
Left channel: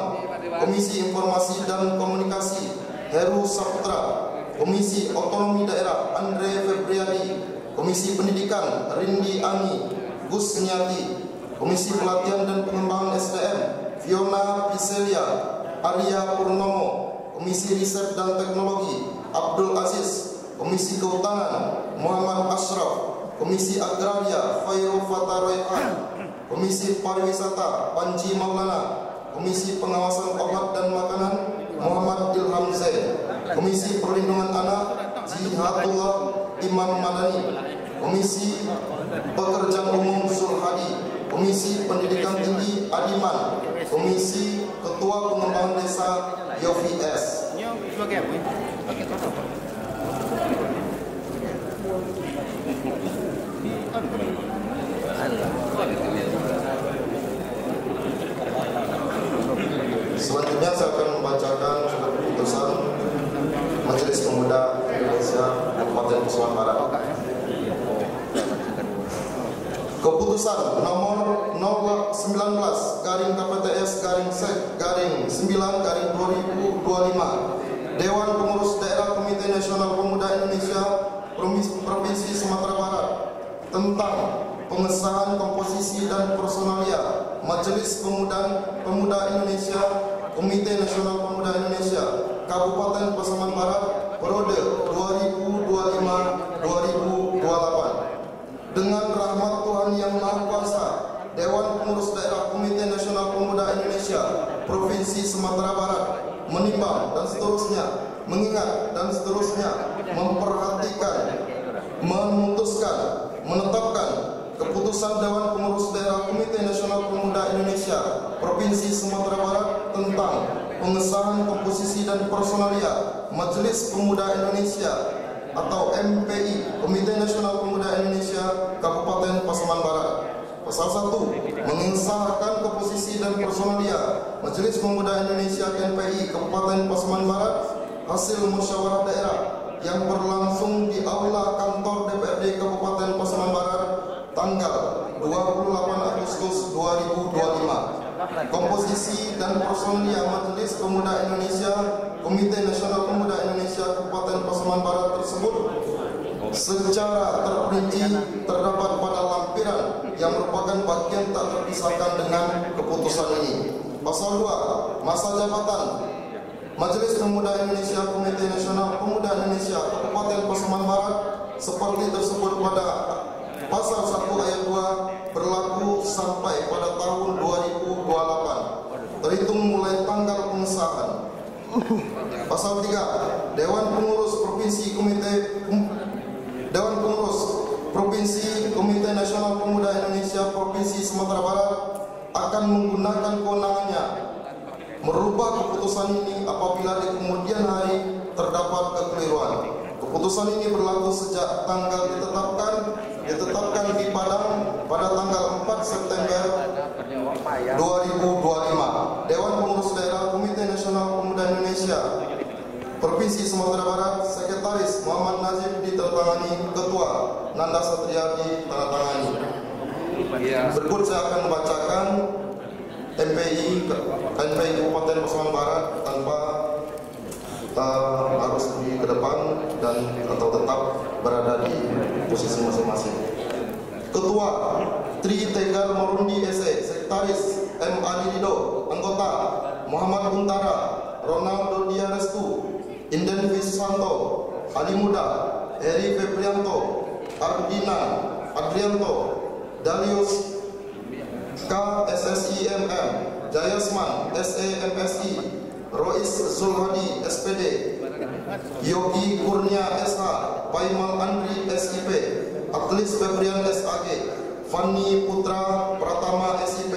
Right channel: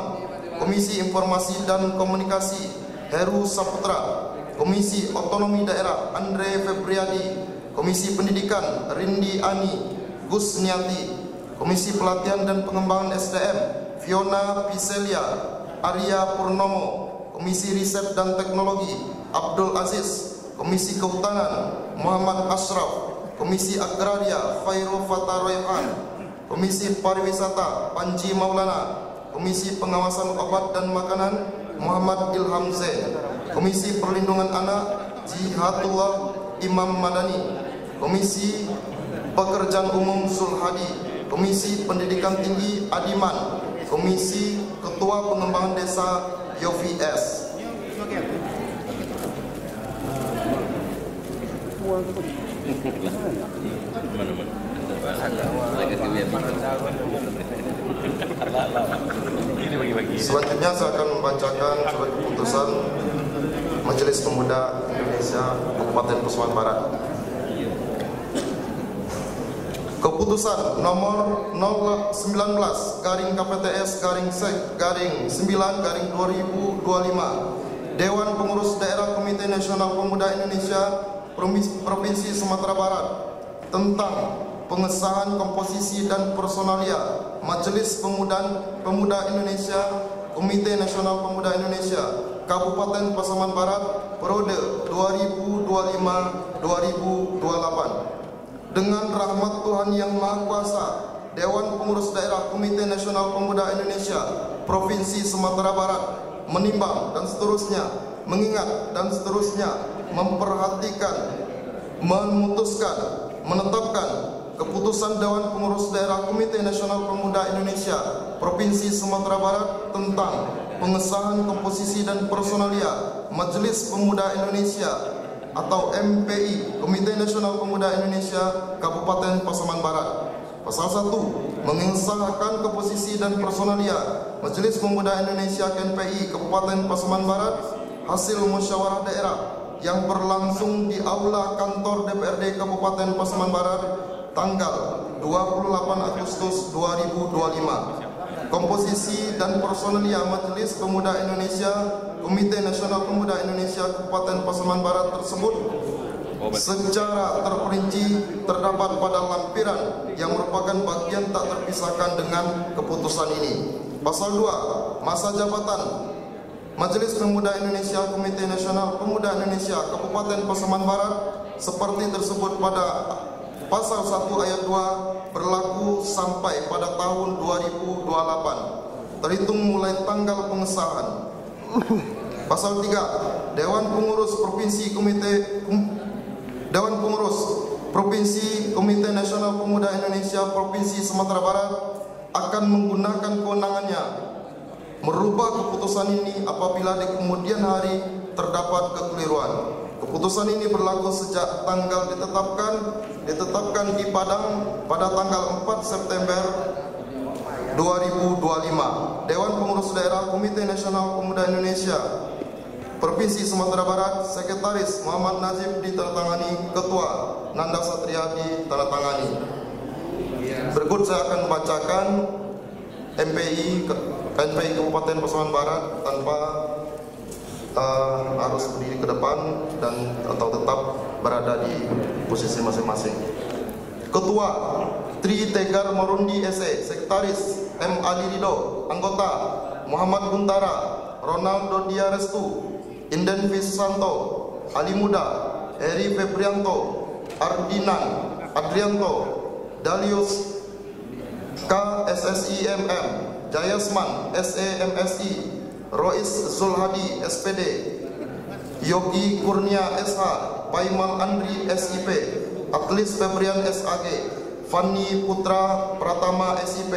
Komisi Informasi dan Komunikasi Heru Saputra, Komisi Otonomi Daerah Andre Febriadi, Komisi Pendidikan Rindi Ani Gusniati, Komisi Pelatihan dan Pengembangan SDM Fiona Piselia Arya Purnomo, Komisi Riset dan Teknologi Abdul Aziz, Komisi Kehutanan Muhammad Ashraf, Komisi Agraria Khairul Fataroyhan, Komisi Pariwisata Panji Maulana, Komisi Pengawasan Obat dan Makanan Muhammad Ilham Zain, Komisi Perlindungan Anak Jihatullah Imam Madani, Komisi Pekerjaan Umum Sulhadi, Komisi Pendidikan Tinggi Adiman, Komisi Ketua Pengembangan Desa Yofi S. Selanjutnya saya akan membacakan surat keputusan Majelis Pemuda Indonesia Kabupaten Pasaman Barat. Keputusan nomor 019-KPTS-Sek-9-2025 Dewan Pengurus Daerah Komite Nasional Pemuda Indonesia Provinsi Sumatera Barat tentang pengesahan komposisi dan personalia Majelis Pemuda Indonesia Komite Nasional Pemuda Indonesia Kabupaten Pasaman Barat periode 2025-2028. Dengan rahmat Tuhan Yang Maha Kuasa, Dewan Pengurus Daerah Komite Nasional Pemuda Indonesia Provinsi Sumatera Barat menimbang dan seterusnya, mengingat dan seterusnya, memperhatikan, memutuskan, menetapkan keputusan Dewan Pengurus Daerah Komite Nasional Pemuda Indonesia Provinsi Sumatera Barat tentang pengesahan komposisi dan personalia Majelis Pemuda Indonesia atau MPI Komite Nasional Pemuda Indonesia Kabupaten Pasaman Barat. Pasal 1, mengesahkan komposisi dan personalia Majelis Pemuda Indonesia KMPI Kabupaten Pasaman Barat hasil musyawarah daerah yang berlangsung di aula kantor DPRD Kabupaten Pasaman Barat tanggal 28 Agustus 2025. Komposisi dan personalia Majelis Pemuda Indonesia Komite Nasional Pemuda Indonesia Kabupaten Pasaman Barat tersebut secara terperinci terdapat pada lampiran yang merupakan bagian tak terpisahkan dengan keputusan ini. Pasal 2, masa jabatan Majelis Pemuda Indonesia Komite Nasional Pemuda Indonesia Kabupaten Pasaman Barat seperti tersebut pada Pasal 1 ayat 2 berlaku sampai pada tahun 2028 terhitung mulai tanggal pengesahan. Pasal 3, Dewan Pengurus Provinsi Komite Nasional Pemuda Indonesia Provinsi Sumatera Barat akan menggunakan kewenangannya merubah keputusan ini apabila di kemudian hari terdapat kekeliruan. Keputusan ini berlaku sejak tanggal ditetapkan di Padang pada tanggal 4 September 2025. Dewan Pengurus Daerah Komite Nasional Pemuda Indonesia Provinsi Sumatera Barat, Sekretaris Muhammad Nazif ditandatangani, Ketua Nanda Satria ditandatangani. Berikut saya akan membacakan MPI Kabupaten Pasaman Barat tanpa harus berdiri ke depan dan atau tetap berada di posisi masing-masing. Ketua Tri Tegar Marundi SE, Sekretaris M. Ali Rido, Anggota Muhammad Guntara, Ronaldo Diarestu, Inden Visanto, Ali Muda, Eri Febrianto, Ardinan Adrianto, Dalius K. SSIMM, Jayasman SEMSI, Rois Zulhadi SPD, Yogi Kurnia SH, Paimal Andri SIP, Atlis Febrian SAG, Fanny Putra Pratama SIP,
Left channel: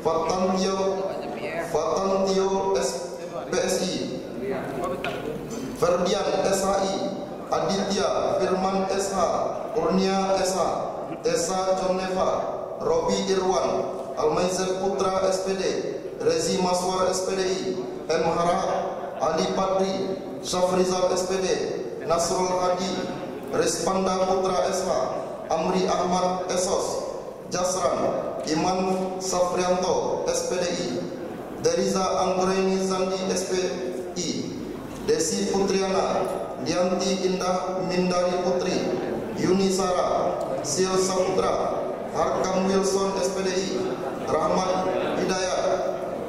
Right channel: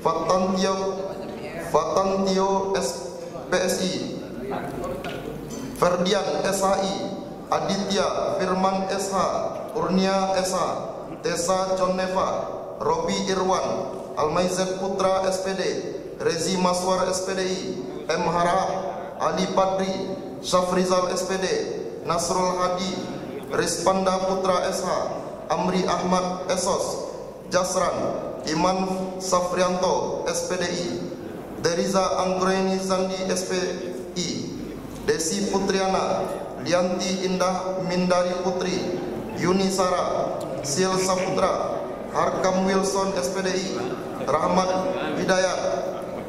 Fatantio PSI, Ferdian SHI, Aditya Firman SH, Kurnia SH, Tessa Joneva, Robi Irwan, Almaizet Putra SPD, Rezi Maswar SPDI, M. Harahap, Ali Padri, Syafrizal SPD, Nasrul Hadi, Rispanda Putra SH, Amri Ahmad Esos, Jasran, Iman Safrianto SPDI, Deriza Anggraini Zandi SPI, Desi Putriana, Lianti Indah Mindari Putri, Yuni Sara, Sil Saputra, Harkam Wilson SPDI, Rahmat Hidayat,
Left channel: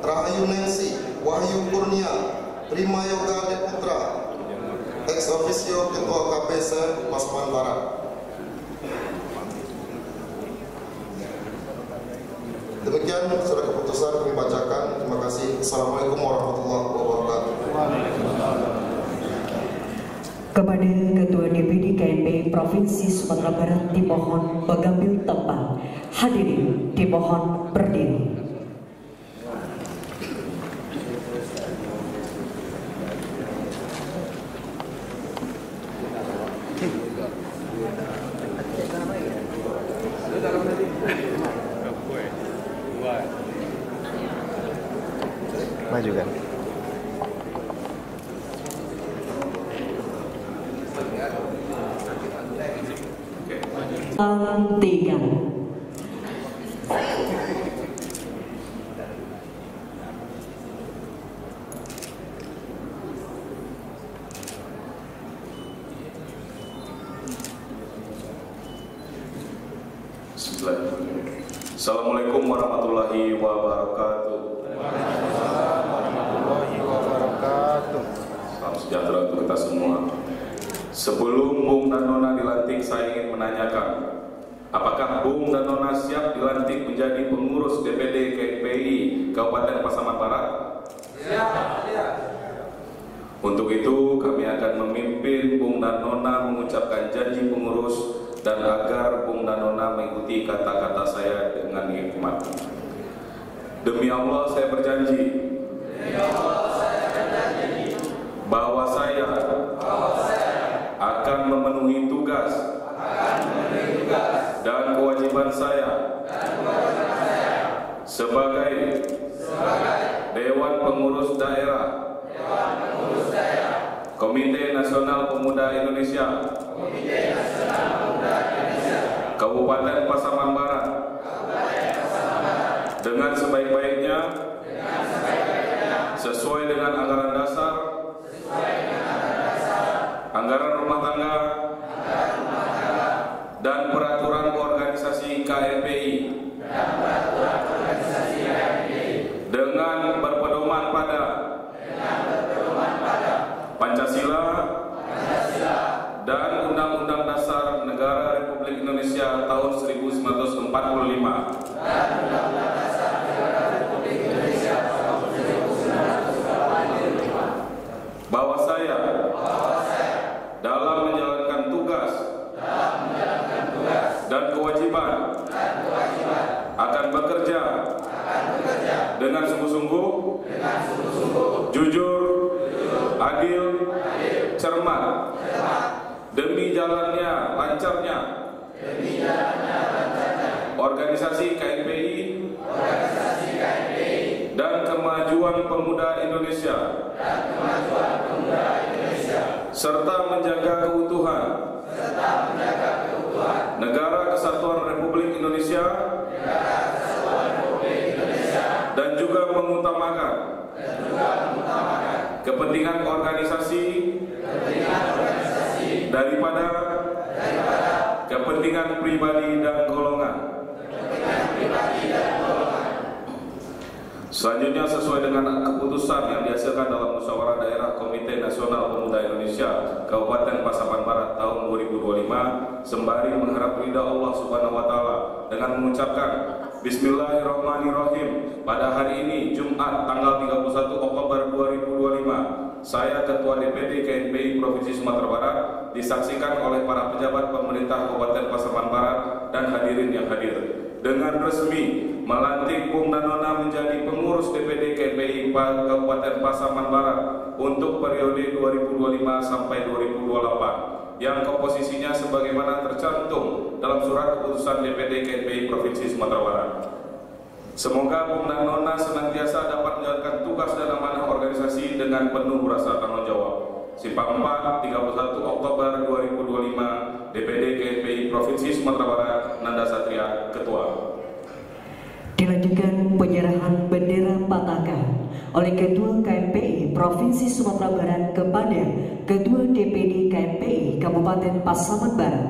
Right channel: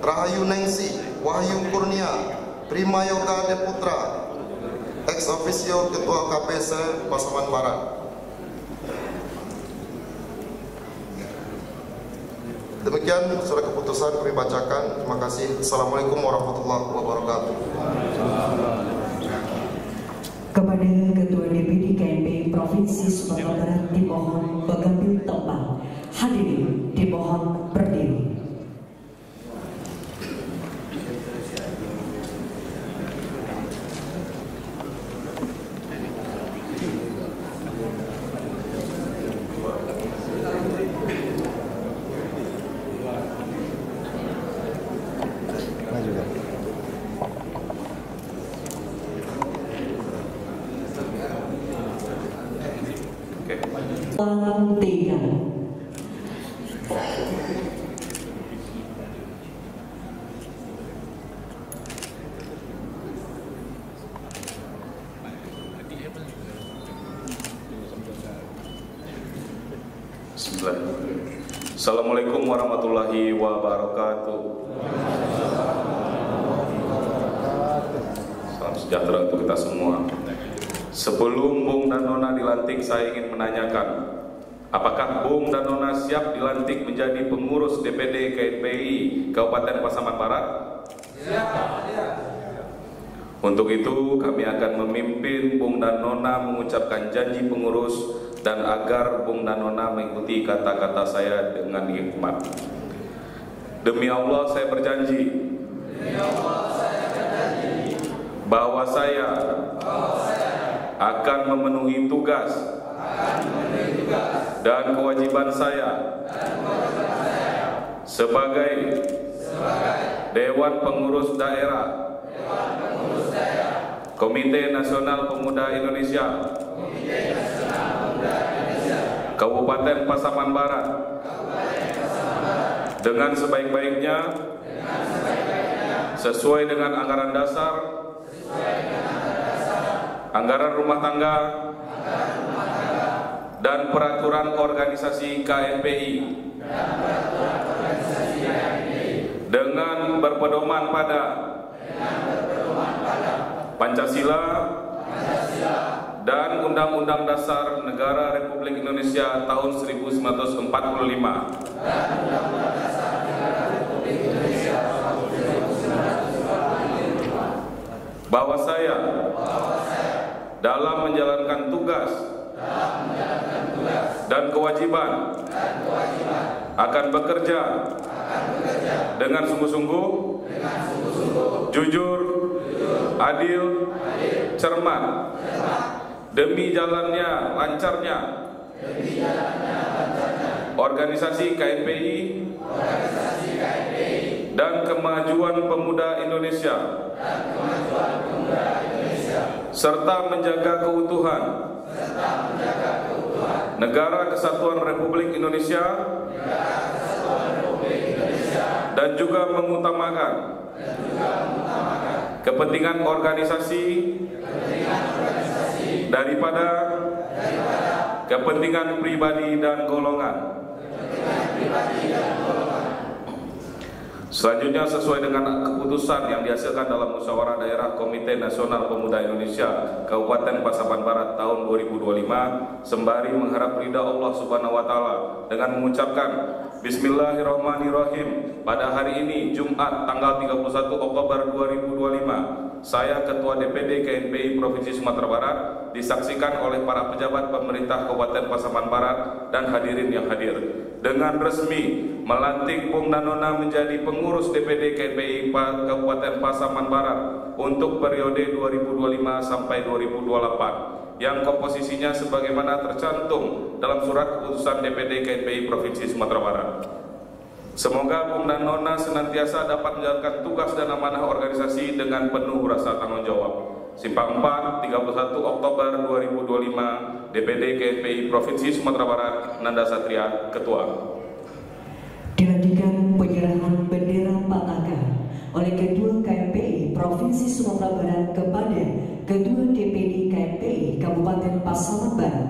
Rahayu Nengsi, Wahyu Kurnia, Prima Yoga Deputra, ex officio Ketua KPS Pasaman Barat. Demikian surat keputusan kami bacakan. Terima kasih. Assalamualaikum warahmatullahi wabarakatuh. Kepada Ketua DPD KNP Provinsi Sumatera Barat dimohon mengambil tempat. Hadirin dimohon berdiri. Tiga. Assalamualaikum warahmatullahi wabarakatuh. Salam sejahtera untuk kita semua. Sebelum Bung dan Nona dilantik, saya ingin menanyakan, apakah Bung dan Nona siap dilantik menjadi pengurus DPD KNPI Kabupaten Pasaman Barat? Siap. Untuk itu kami akan memimpin Bung dan Nona mengucapkan janji pengurus dan agar Bung dan Nona mengikuti kata-kata saya dengan hikmat. Demi Allah saya berjanji bahwa saya akan memenuhi tugas dan kewajiban saya sebagai Dewan Pengurus Daerah Komite Nasional Pemuda Indonesia Kabupaten Pasaman Barat dengan sebaik-baiknya sesuai dengan anggaran dasar, anggaran rumah tangga, dan peraturan organisasi KNPI dengan berpedoman pada Pancasila dan Undang-Undang Dasar Negara Republik Indonesia tahun 1945 bahwa saya dalam menjalankan tugas dan kewajiban akan bekerja dengan sungguh-sungguh, jujur, adil, cermat, demi jalannya lancarnya organisasi KNPI dan kemajuan pemuda Indonesia, serta menjaga keutuhan Negara Kesatuan Republik Indonesia dan juga mengutamakan kepentingan organisasi daripada kepentingan pribadi dan golongan. Selanjutnya, sesuai dengan keputusan yang dihasilkan dalam musyawarah daerah Komite Nasional Pemuda Indonesia Kabupaten Pasaman Barat tahun 2025, sembari mengharap ridha Allah Subhanahu wa Ta'ala dengan mengucapkan Bismillahirrahmanirrahim. Pada hari ini Jumat tanggal 31 Oktober 2025, saya Ketua DPD KNPI Provinsi Sumatera Barat disaksikan oleh para pejabat pemerintah Kabupaten Pasaman Barat dan hadirin yang hadir dengan resmi melantik Bung Danona menjadi pengurus DPD KNPI Kabupaten Pasaman Barat untuk periode 2025 sampai 2028 yang komposisinya sebagaimana tercantum dalam surat keputusan DPD KNPI Provinsi Sumatera Barat. Semoga Bung Danona senantiasa dapat menjalankan tugas dan amanah organisasi dengan penuh rasa tanggung jawab. Simpang 4, 31 Oktober 2025, DPD KNPI Provinsi Sumatera Barat, Nanda Satria, Ketua. Dilanjutkan penyerahan bendera Patakan oleh Ketua KNPI Provinsi Sumatera Barat kepada Ketua DPD KNPI Kabupaten Pasaman Barat.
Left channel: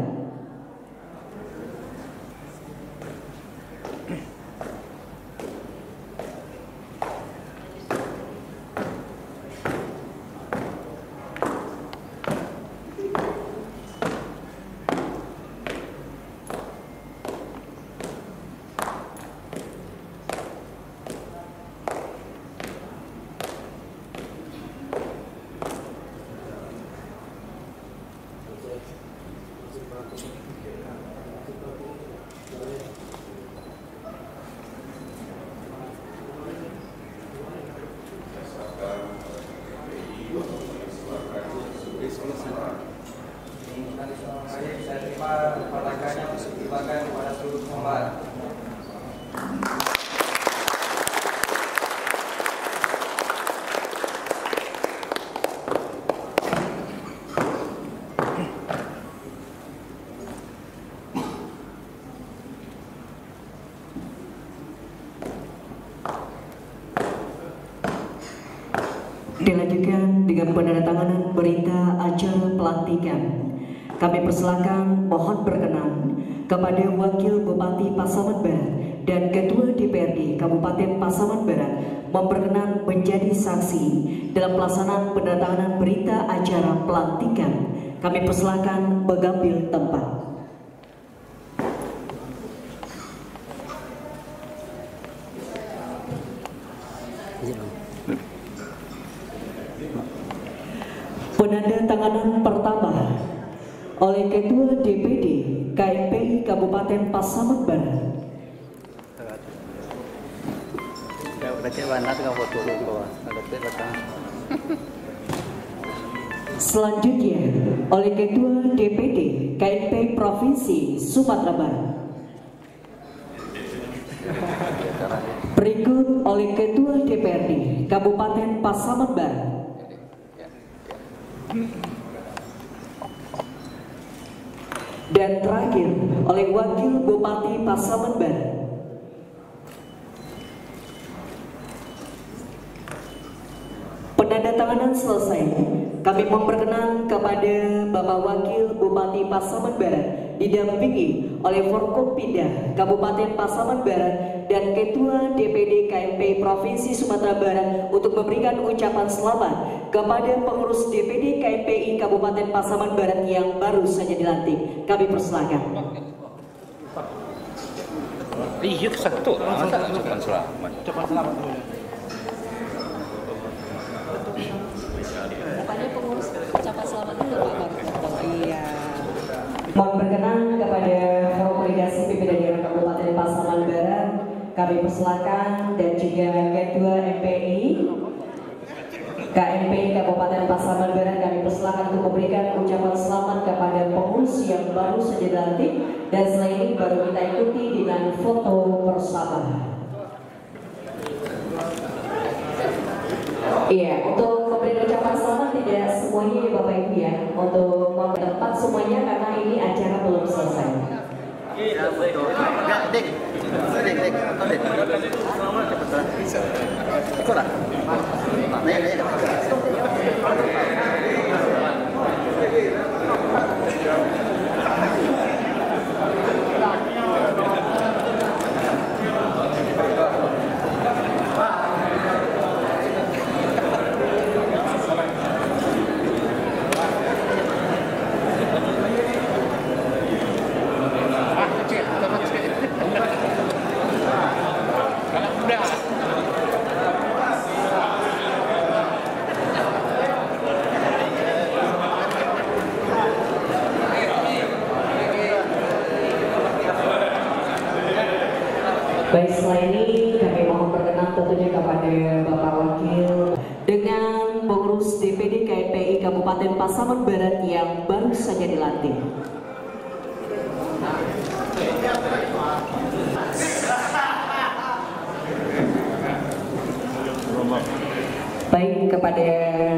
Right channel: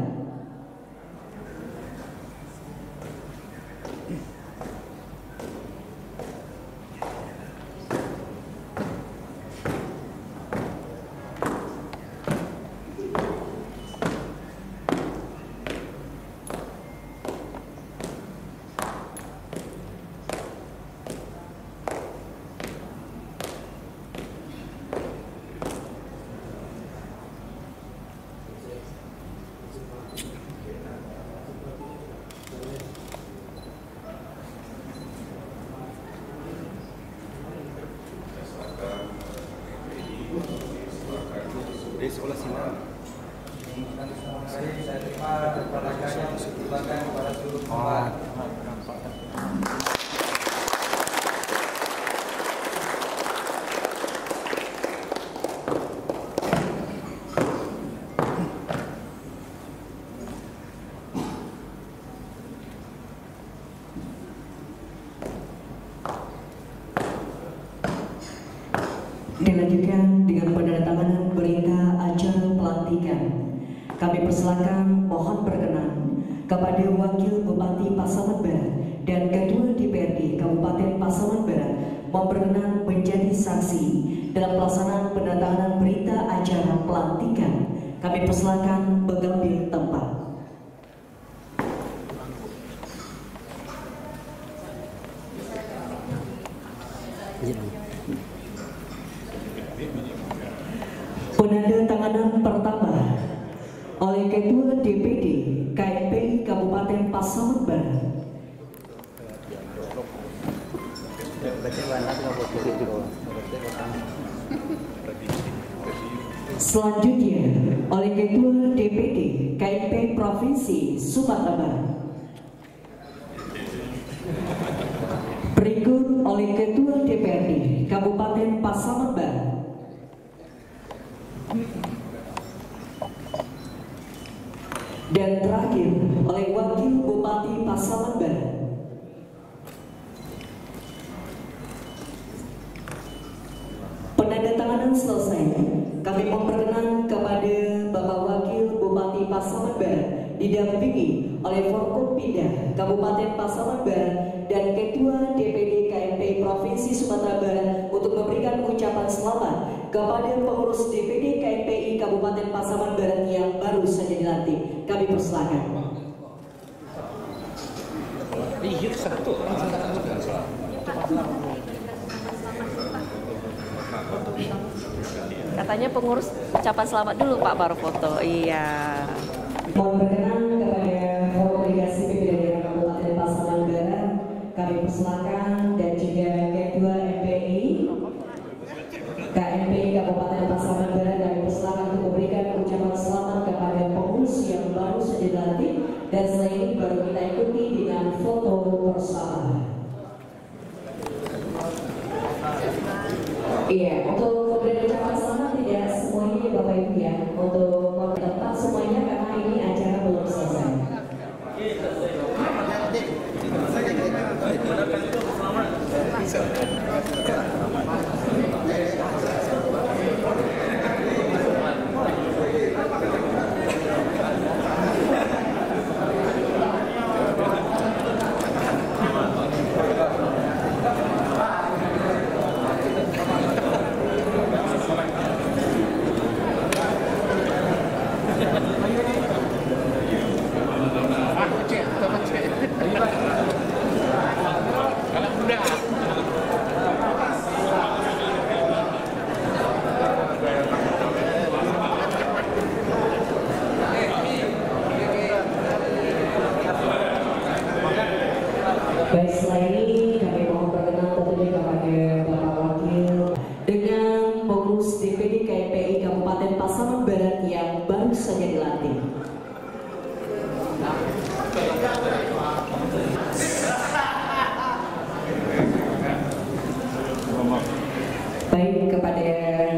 Saya terima patakannya untuk dibagikan kepada seluruh korban. Dilanjutkan dengan penandatanganan berita acara pelantikan. Kami persilakan mohon berkenan kepada Wakil Bupati Pasaman Barat dan Ketua DPRD Kabupaten Pasaman Barat memperkenan menjadi saksi dalam pelaksanaan penandatanganan berita acara pelantikan. Kami persilakan mengambil tempat. Penandatanganan pertama oleh Ketua DPD KNPI Kabupaten Pasaman Barat. Selanjutnya oleh Ketua DPD KNPI Provinsi Sumatera Barat. Berikut oleh Ketua DPRD Kabupaten Pasaman Barat. Dan terakhir oleh Wakil Bupati Pasaman Barat. Penandatanganan selesai. Kami memperkenan kepada Bapak Wakil Bupati Pasaman Barat didampingi oleh Forkopimda Kabupaten Pasaman Barat dan Ketua DPD KNPI Provinsi Sumatera Barat untuk memberikan ucapan selamat kepada pengurus DPD KNPI Kabupaten Pasaman Barat yang baru saja dilantik. Kami persilakan. Katanya pengurus ucapan selamat dulu Pak, baru foto. Iya. Mohon berkenan kepada Forum Delegasi Pimpinan Daerah Kabupaten Pasaman Barat, kami persilakan, dan juga Ketua MPI KNPI Kabupaten Pasaman Barat kami persilakan untuk memberikan ucapan selamat kepada pengurus yang baru saja dilantik, dan setelah ini baru kita ikuti dengan foto bersama. Iya, untuk memberikan ucapan selamat tidak semuanya ya Bapak Ibu ya, untuk tempat semuanya karena ini acara belum selesai. Baik, setelah ini kami mohon perkenan tentunya kepada Bapak Wakil dengan pengurus DPD KNPI Kabupaten Pasaman Barat yang baru saja dilantik. Baik, kepada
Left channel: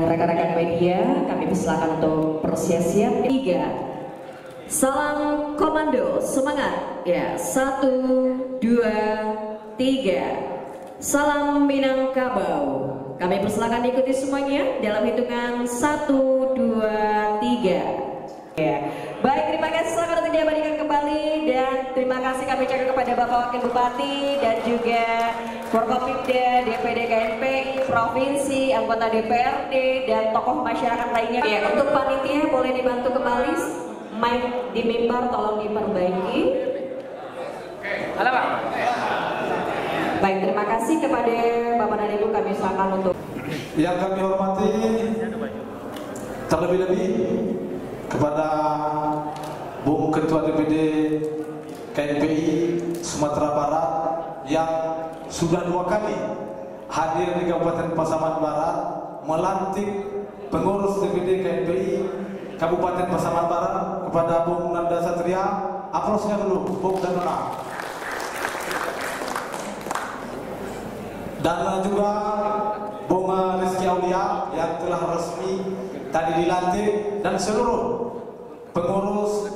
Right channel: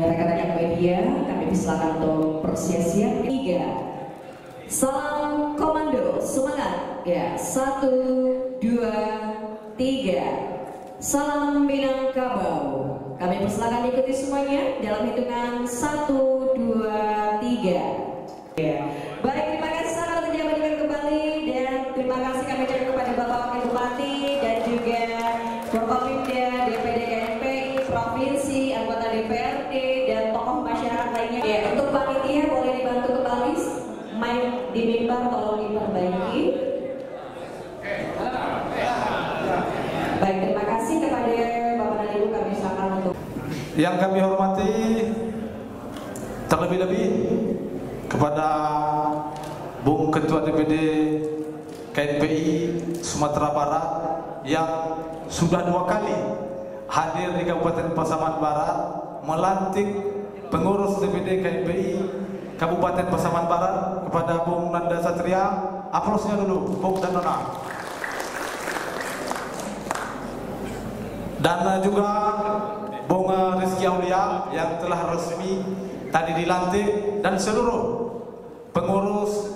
rekan-rekan media kami persilakan untuk bersiap-siap. 3. Salam komando, semangat ya. 1, 2, 3. Salam Minangkabau. Kami persilakan ikuti semuanya dalam hitungan 1, 2, 3. Ya. Baik, terima kasih sangat untuk diabadikan kembali dan terima kasih kami ucapkan kepada Bapak Wakil Bupati dan juga Forkopimda, DPD KNPI, Provinsi, anggota DPRD dan tokoh masyarakat lainnya. Ya, untuk panitia boleh dibantu kembali. Mic di mimbar tolong diperbaiki. Baik, terima kasih kepada Bapak dan Ibu, kami silakan untuk yang kami hormati terlebih-lebih kepada Bung Ketua DPD KNPI Sumatera Barat yang sudah 2 kali hadir di Kabupaten Pasaman Barat melantik pengurus DPD KNPI Kabupaten Pasaman Barat, kepada Bung Nanda Satria. Aplausnya dulu Bung dan Nona. Dan juga Bung Rizky Aulia yang telah resmi tadi dilantik, dan seluruh pengurus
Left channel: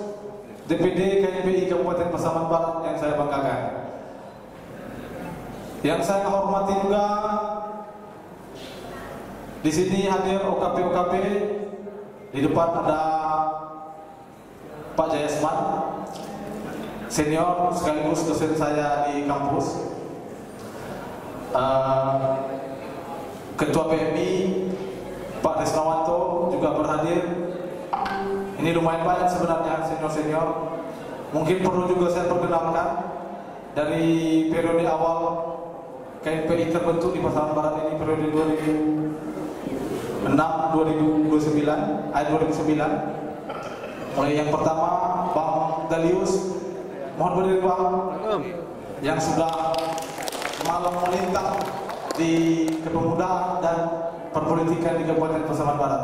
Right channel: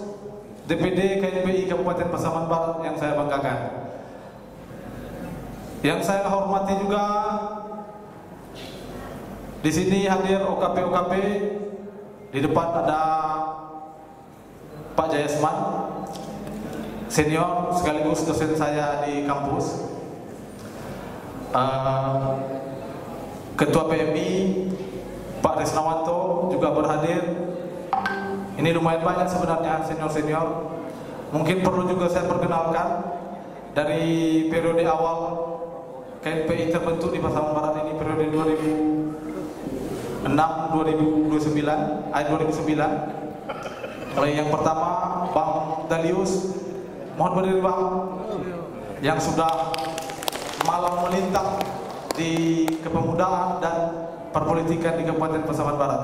DPD KNPI Kabupaten Pasaman Barat yang saya banggakan. Yang saya hormati juga di sini hadir OKP-OKP. Di depan ada Pak Jayasman, senior sekaligus dosen saya di kampus. Ketua PMI Pak Resnawanto juga berhadir. Ini lumayan banyak sebenarnya senior-senior. Mungkin perlu juga saya perkenalkan dari periode awal KNPI terbentuk di Pasaman Barat ini, periode 2009. Oleh yang pertama Bang Dalius, mohon berdiri Bang, yang sudah malam melintang di kepemudaan dan perpolitikan di Kabupaten Pasaman Barat.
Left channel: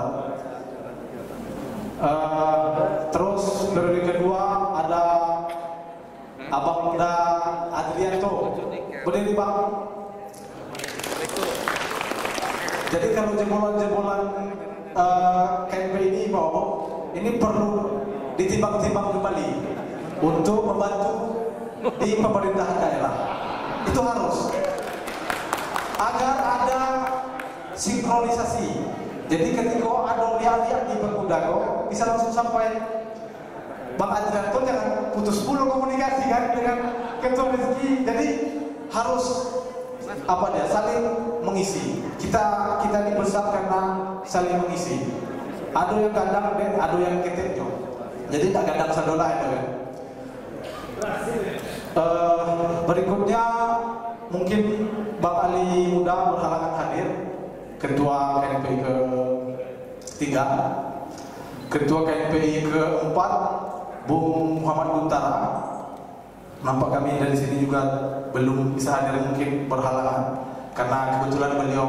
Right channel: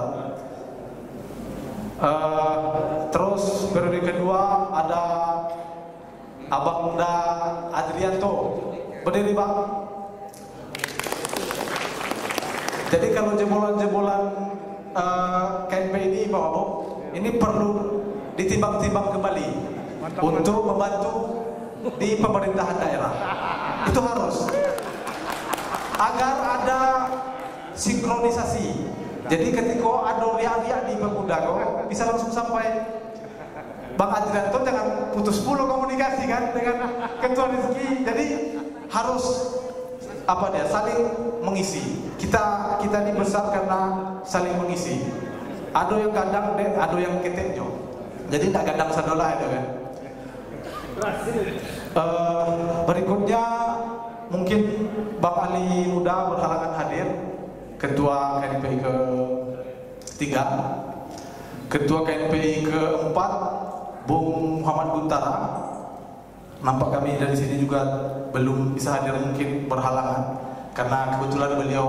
Terus periode kedua ada Abang Muda Adrianto, berdiri Bang. Jadi kalau jebolan-jebolan KNPI ini Bapak, ini perlu ditimbang-timbang kembali untuk membantu di pemerintahan daerah. Itu harus, agar ada sinkronisasi. Jadi ketika ada lihat-lihat di Pemuda bisa langsung sampai. Bang Adrian itu jangan putus mulu komunikasi kan dengan Ketua Rizky. Jadi harus saling mengisi. Kita ini besar karena saling mengisi. Ada yang kadang ada yang ketenjo. Jadi tak kadang sadola itu kan. Berikutnya mungkin Bang Ali Muda berhalangan hadir, Ketua KNPI ke-3, Ketua KNPI ke-4 Bung Muhammad Guntara. Nampak kami dari sini juga belum bisa hadir, mungkin berhalangan karena kebetulan beliau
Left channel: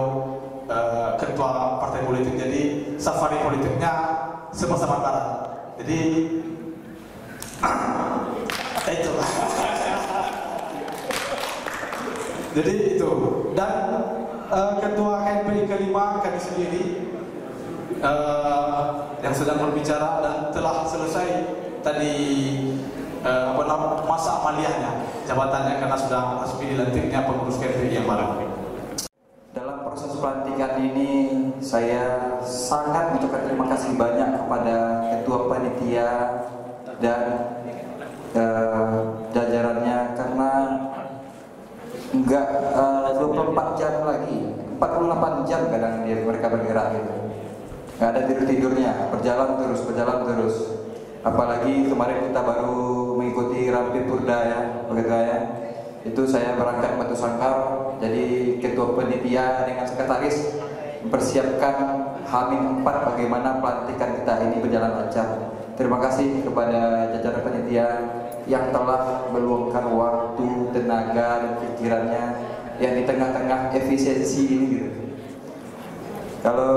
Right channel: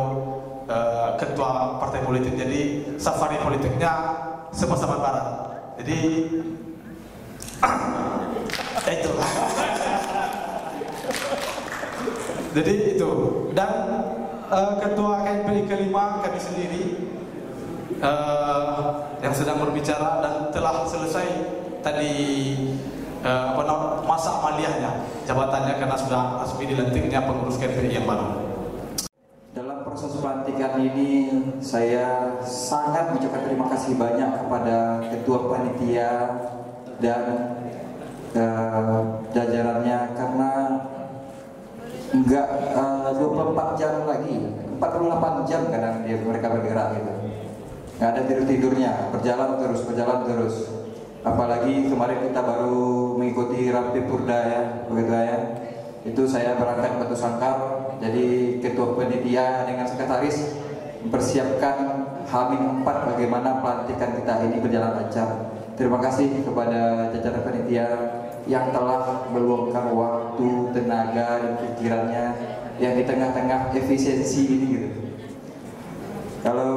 ketua partai politik, jadi safari politiknya Pasaman Barat. Jadi itu. Jadi itu. Dan ketua KNPI ke-5 kami sendiri yang sedang berbicara dan telah selesai tadi masa amaliyahnya, jabatannya, karena sudah resmi dilantiknya pengurus KNPI yang baru. Dalam proses pelantikan ini saya sangat mengucapkan terima kasih banyak kepada Ketua Panitia dan jajarannya, karena enggak 24 jam lagi, 48 jam kadang mereka bergerak gitu, nggak ada tidur-tidurnya, berjalan terus. Apalagi kemarin kita baru mengikuti Rampi Purda ya, begitu ya. Itu saya berangkat Batu Sangkar, jadi Ketua Panitia dengan Sekretaris mempersiapkan H-4 bagaimana pelantikan kita ini berjalan lancar. Terima kasih kepada jajaran panitia yang telah meluangkan waktu, tenaga, dan pikirannya yang di tengah-tengah efisiensi ini gitu. Kalau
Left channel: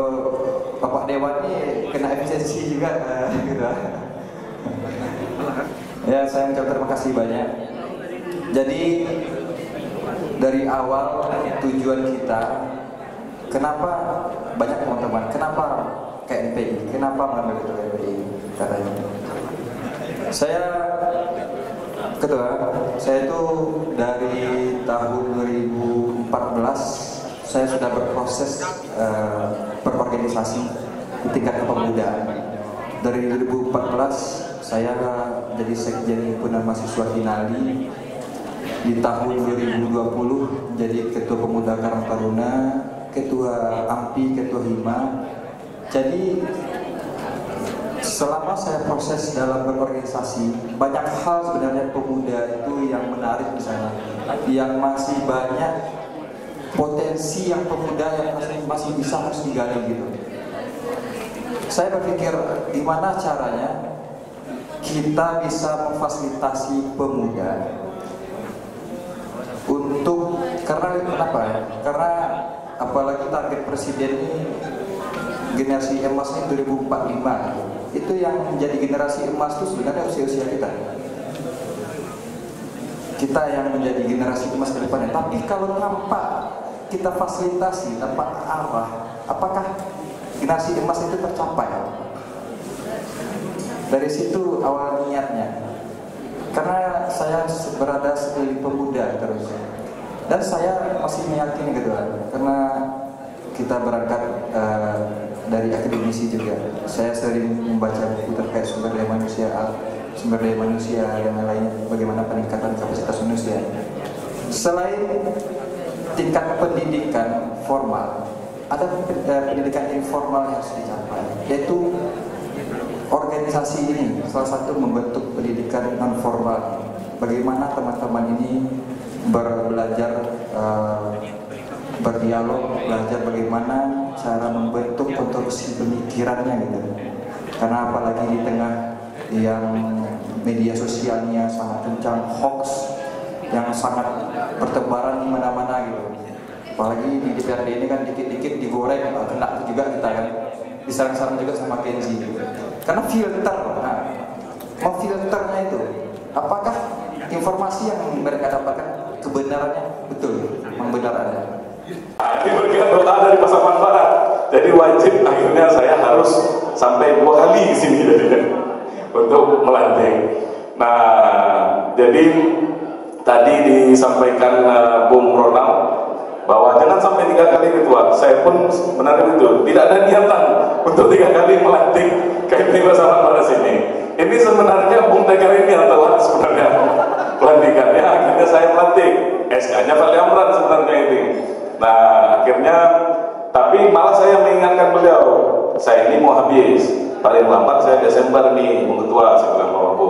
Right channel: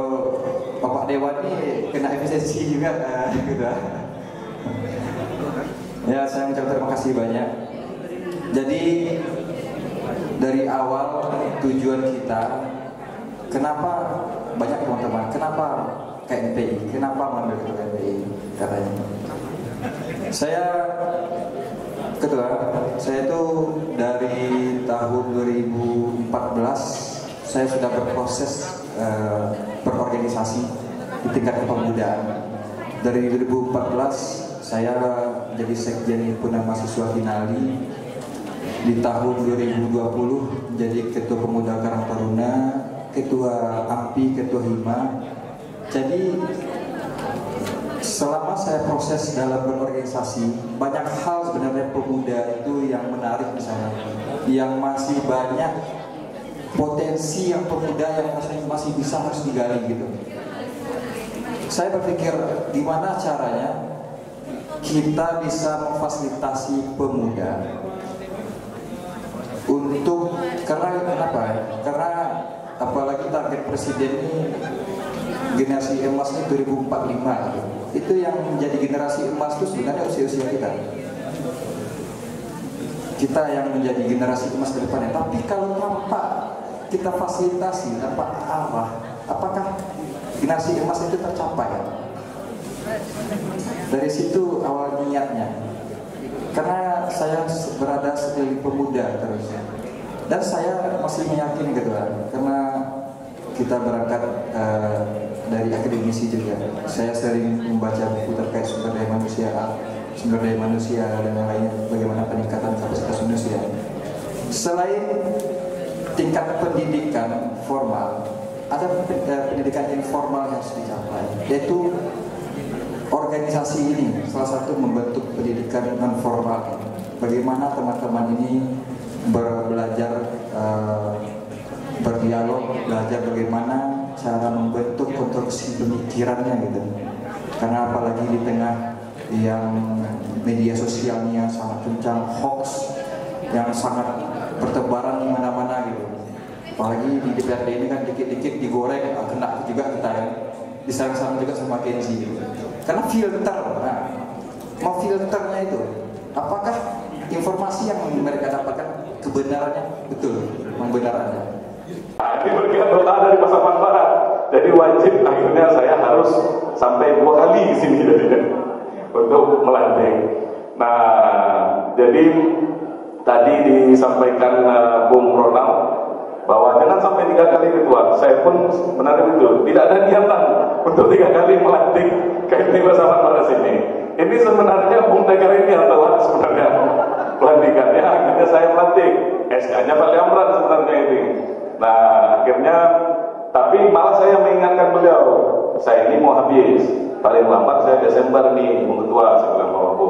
Bapak Dewan ini kena efisiensi juga gitu. Ya, saya mengucapkan terima kasih banyak. Jadi dari awal tujuan kita, kenapa banyak teman-teman, kenapa KNPI, kenapa mengambil ketua KNPI katanya. Ketua, saya itu dari tahun 2014 saya sudah berproses berorganisasi di tingkat kepemudaan. Dari 2014 saya jadi sekjen himpunan mahasiswa Hinali. Di tahun 2020 jadi ketua pemuda Karang Taruna, ketua AMPI, ketua HIMA. Jadi selama saya proses dalam berorganisasi, banyak hal sebenarnya pemuda itu yang menarik di sana, yang masih banyak potensi yang pemuda yang masih bisa harus digali gitu. Saya berpikir gimana caranya kita bisa memfasilitasi pemuda untuk, karena kenapa ya? Karena apalagi target presiden ini generasi emas ini 2045 itu yang menjadi generasi emas itu sebenarnya usia-usia kita yang menjadi generasi emas ke depannya. Tapi kalau tanpa kita fasilitasi, tanpa arah, apakah generasi emas itu tercapai? Dari situ awal niatnya. Karena saya berada sebagai pemuda terus, dan saya masih meyakini gitu kan, karena kita berangkat dari akademisi juga. Saya sering membaca buku terkait sumber daya manusia dan lain-lain, bagaimana peningkatan kapasitas manusia. Selain tingkat pendidikan formal, ada pendidikan informal yang harus dicapai, yaitu organisasi ini salah satu membentuk pendidikan non formal. Bagaimana teman-teman ini belajar berdialog, belajar bagaimana cara membentuk konstruksi pemikirannya gitu. Karena apalagi di tengah yang media sosialnya sangat kencang, hoax yang sangat bertebaran di mana-mana gitu. Apalagi di DPRD ini kan dikit-dikit digoreng, kena juga kita kan. Diserang-serang juga sama Kenzi gitu. Karena filter, mau filternya itu, apakah informasi yang mereka dapatkan kebenarannya betul, membenarkannya? Ini berkat doa dari Pasaman Barat, jadi wajib akhirnya saya harus sampai 2 kali di sini jadinya untuk melantik. Nah, jadi tadi disampaikan Bung Ronald bahwa jangan sampai 3 kali ketua. Saya pun sebenarnya itu tidak ada niatan untuk 3 kali melantik KNPI Pasaman Barat sini. Ini sebenarnya Bung Tegar ini yang telah sebenarnya pelantikannya, akhirnya saya melantik. SK-nya Pak Liamran sebenarnya ini. Nah, akhirnya, tapi malah saya mengingatkan beliau, saya ini mau habis, paling lambat saya Desember nih, Bung Ketua, saya bilang Pak Bu.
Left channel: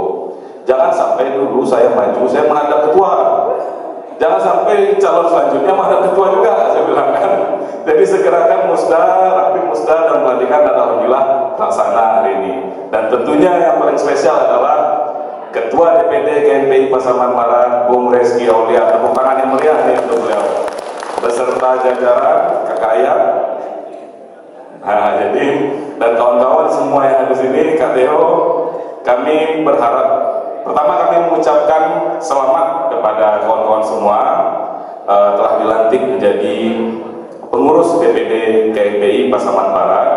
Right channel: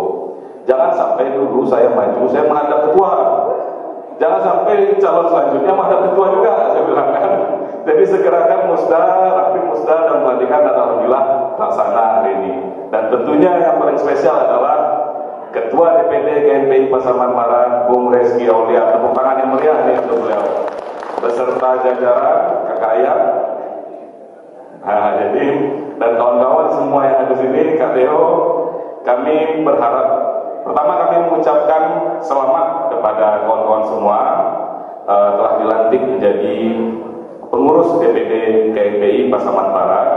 Jangan sampai dulu saya maju, saya menghadap ketua. Jangan sampai calon selanjutnya menghadap ketua juga, saya bilang kan. Jadi segerakan musda, rapi musda dan pelantikan alhamdulillah terlaksana hari ini. Dan tentunya yang paling spesial adalah Ketua DPD KNPI Pasaman Barat, Bung Reski Aulia. Tepuk tangan yang meriah nih untuk beliau. Beserta jajaran kakak ayah. Nah, jadi dan kawan-kawan semua yang ada di sini, Kak Teo, kami berharap pertama kami mengucapkan selamat kepada kawan-kawan semua telah dilantik menjadi pengurus DPD KNPI Pasaman Barat.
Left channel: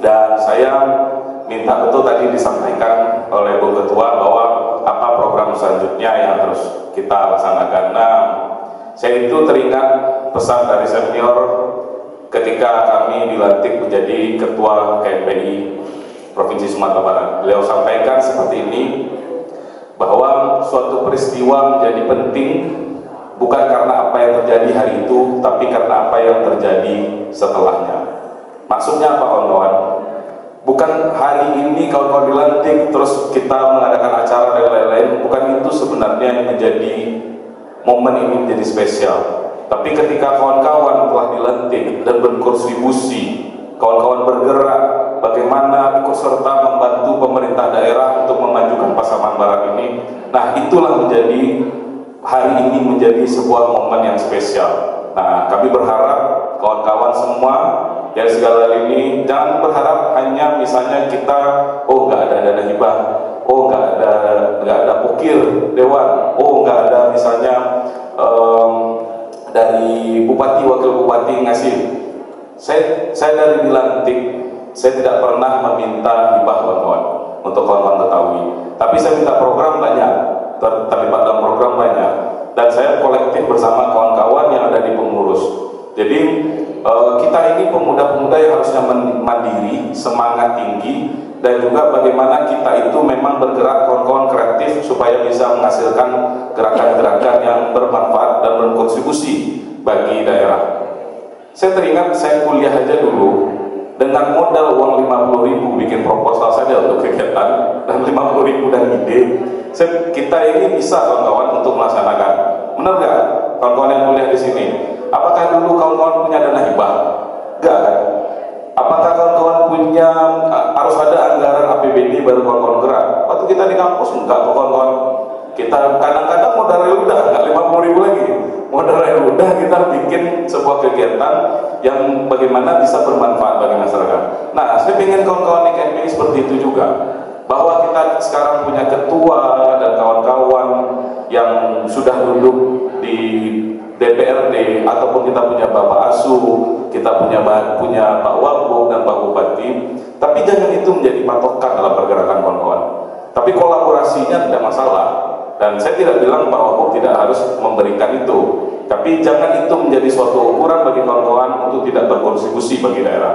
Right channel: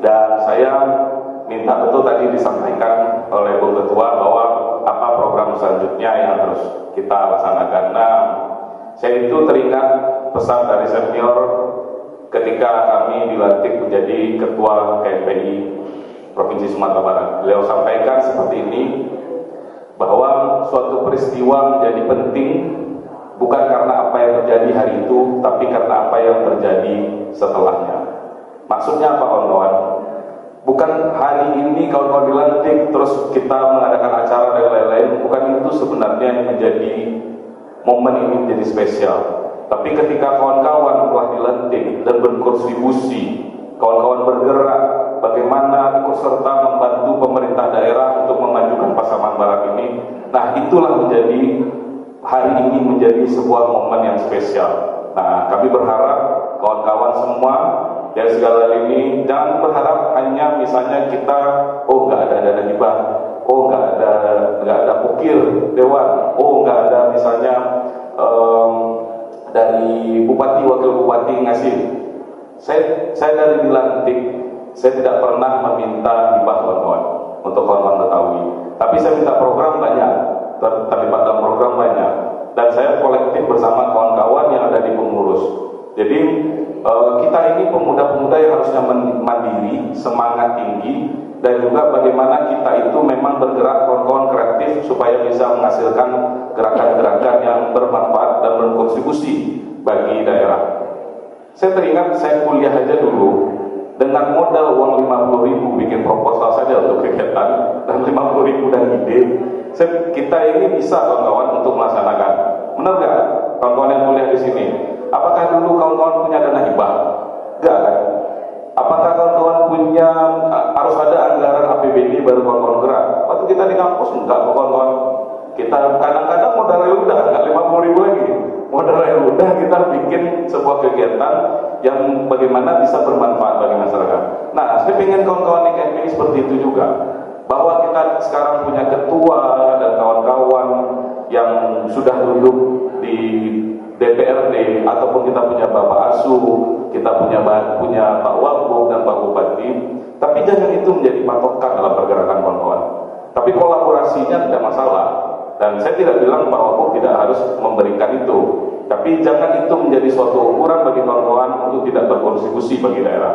Dan saya minta betul tadi disampaikan oleh Bung Ketua bahwa apa program selanjutnya yang harus kita laksanakan. Nah, saya itu teringat pesan dari senior ketika kami dilantik menjadi Ketua KNPI Provinsi Sumatera Barat. Beliau sampaikan seperti ini, bahwa suatu peristiwa menjadi penting bukan karena apa yang terjadi hari itu, tapi karena apa yang terjadi setelahnya. Maksudnya apa kawan-kawan? Bukan hari ini kawan-kawan dilantik terus kita mengadakan acara dan lain-lain, bukan itu sebenarnya yang menjadi momen ini menjadi spesial. Tapi ketika kawan-kawan telah dilantik dan berkontribusi, kawan-kawan bergerak bagaimana ikut serta membantu pemerintah daerah untuk memajukan Pasaman Barat ini. Nah, itulah menjadi hari ini menjadi sebuah momen yang spesial. Nah, kami berharap kawan-kawan semua yang segala ini jangan berharap hanya misalnya kita nggak ada dana hibah, nggak ada pokir dewan, nggak ada misalnya dari bupati wakil bupati ngasih. Saya dari dilantik, saya tidak pernah meminta hibah kawan-kawan untuk kawan-kawan ketahui. Tapi saya minta program banyak, terlibat dalam program banyak, dan saya kolektif bersama kawan-kawan yang ada di pengurus. Jadi kita ini pemuda-pemuda yang harusnya mandiri, semangat tinggi, dan juga bagaimana kita itu memang bergerak kawan-kawan kreatif supaya bisa menghasilkan gerakan-gerakan yang bermanfaat dan berkontribusi bagi daerah. Saya teringat saya kuliah aja dulu dengan modal uang 50.000 bikin proposal saja untuk kegiatan dan 50.000 dan ide. Kita ini bisa kawan-kawan untuk melaksanakan. Benar nggak kawan-kawan yang kuliah di sini? Apakah dulu kawan-kawan punya dana hibah? Enggak kan? Apakah kawan-kawan punya harus ada anggaran APBD baru kawan-kawan gerak? Waktu kita di kampus enggak kawan-kawan. Kita kadang-kadang modal udah enggak 50.000 lagi. Modal udah kita bikin sebuah kegiatan yang bagaimana bisa bermanfaat bagi masyarakat. Nah, saya ingin kawan-kawan di KNPI seperti itu juga. Bahwa kita sekarang punya ketua dan kawan-kawan yang sudah duduk di DPRD, ataupun kita punya Bapak Asu, kita punya Pak Wagub dan Pak Bupati. Tapi jangan itu menjadi patokan dalam pergerakan kawan-kawan. Tapi kolaborasinya tidak masalah. Dan saya tidak bilang Pak Wagub tidak harus memberikan itu. Tapi jangan itu menjadi suatu ukuran bagi kawan-kawan untuk tidak berkontribusi bagi daerah.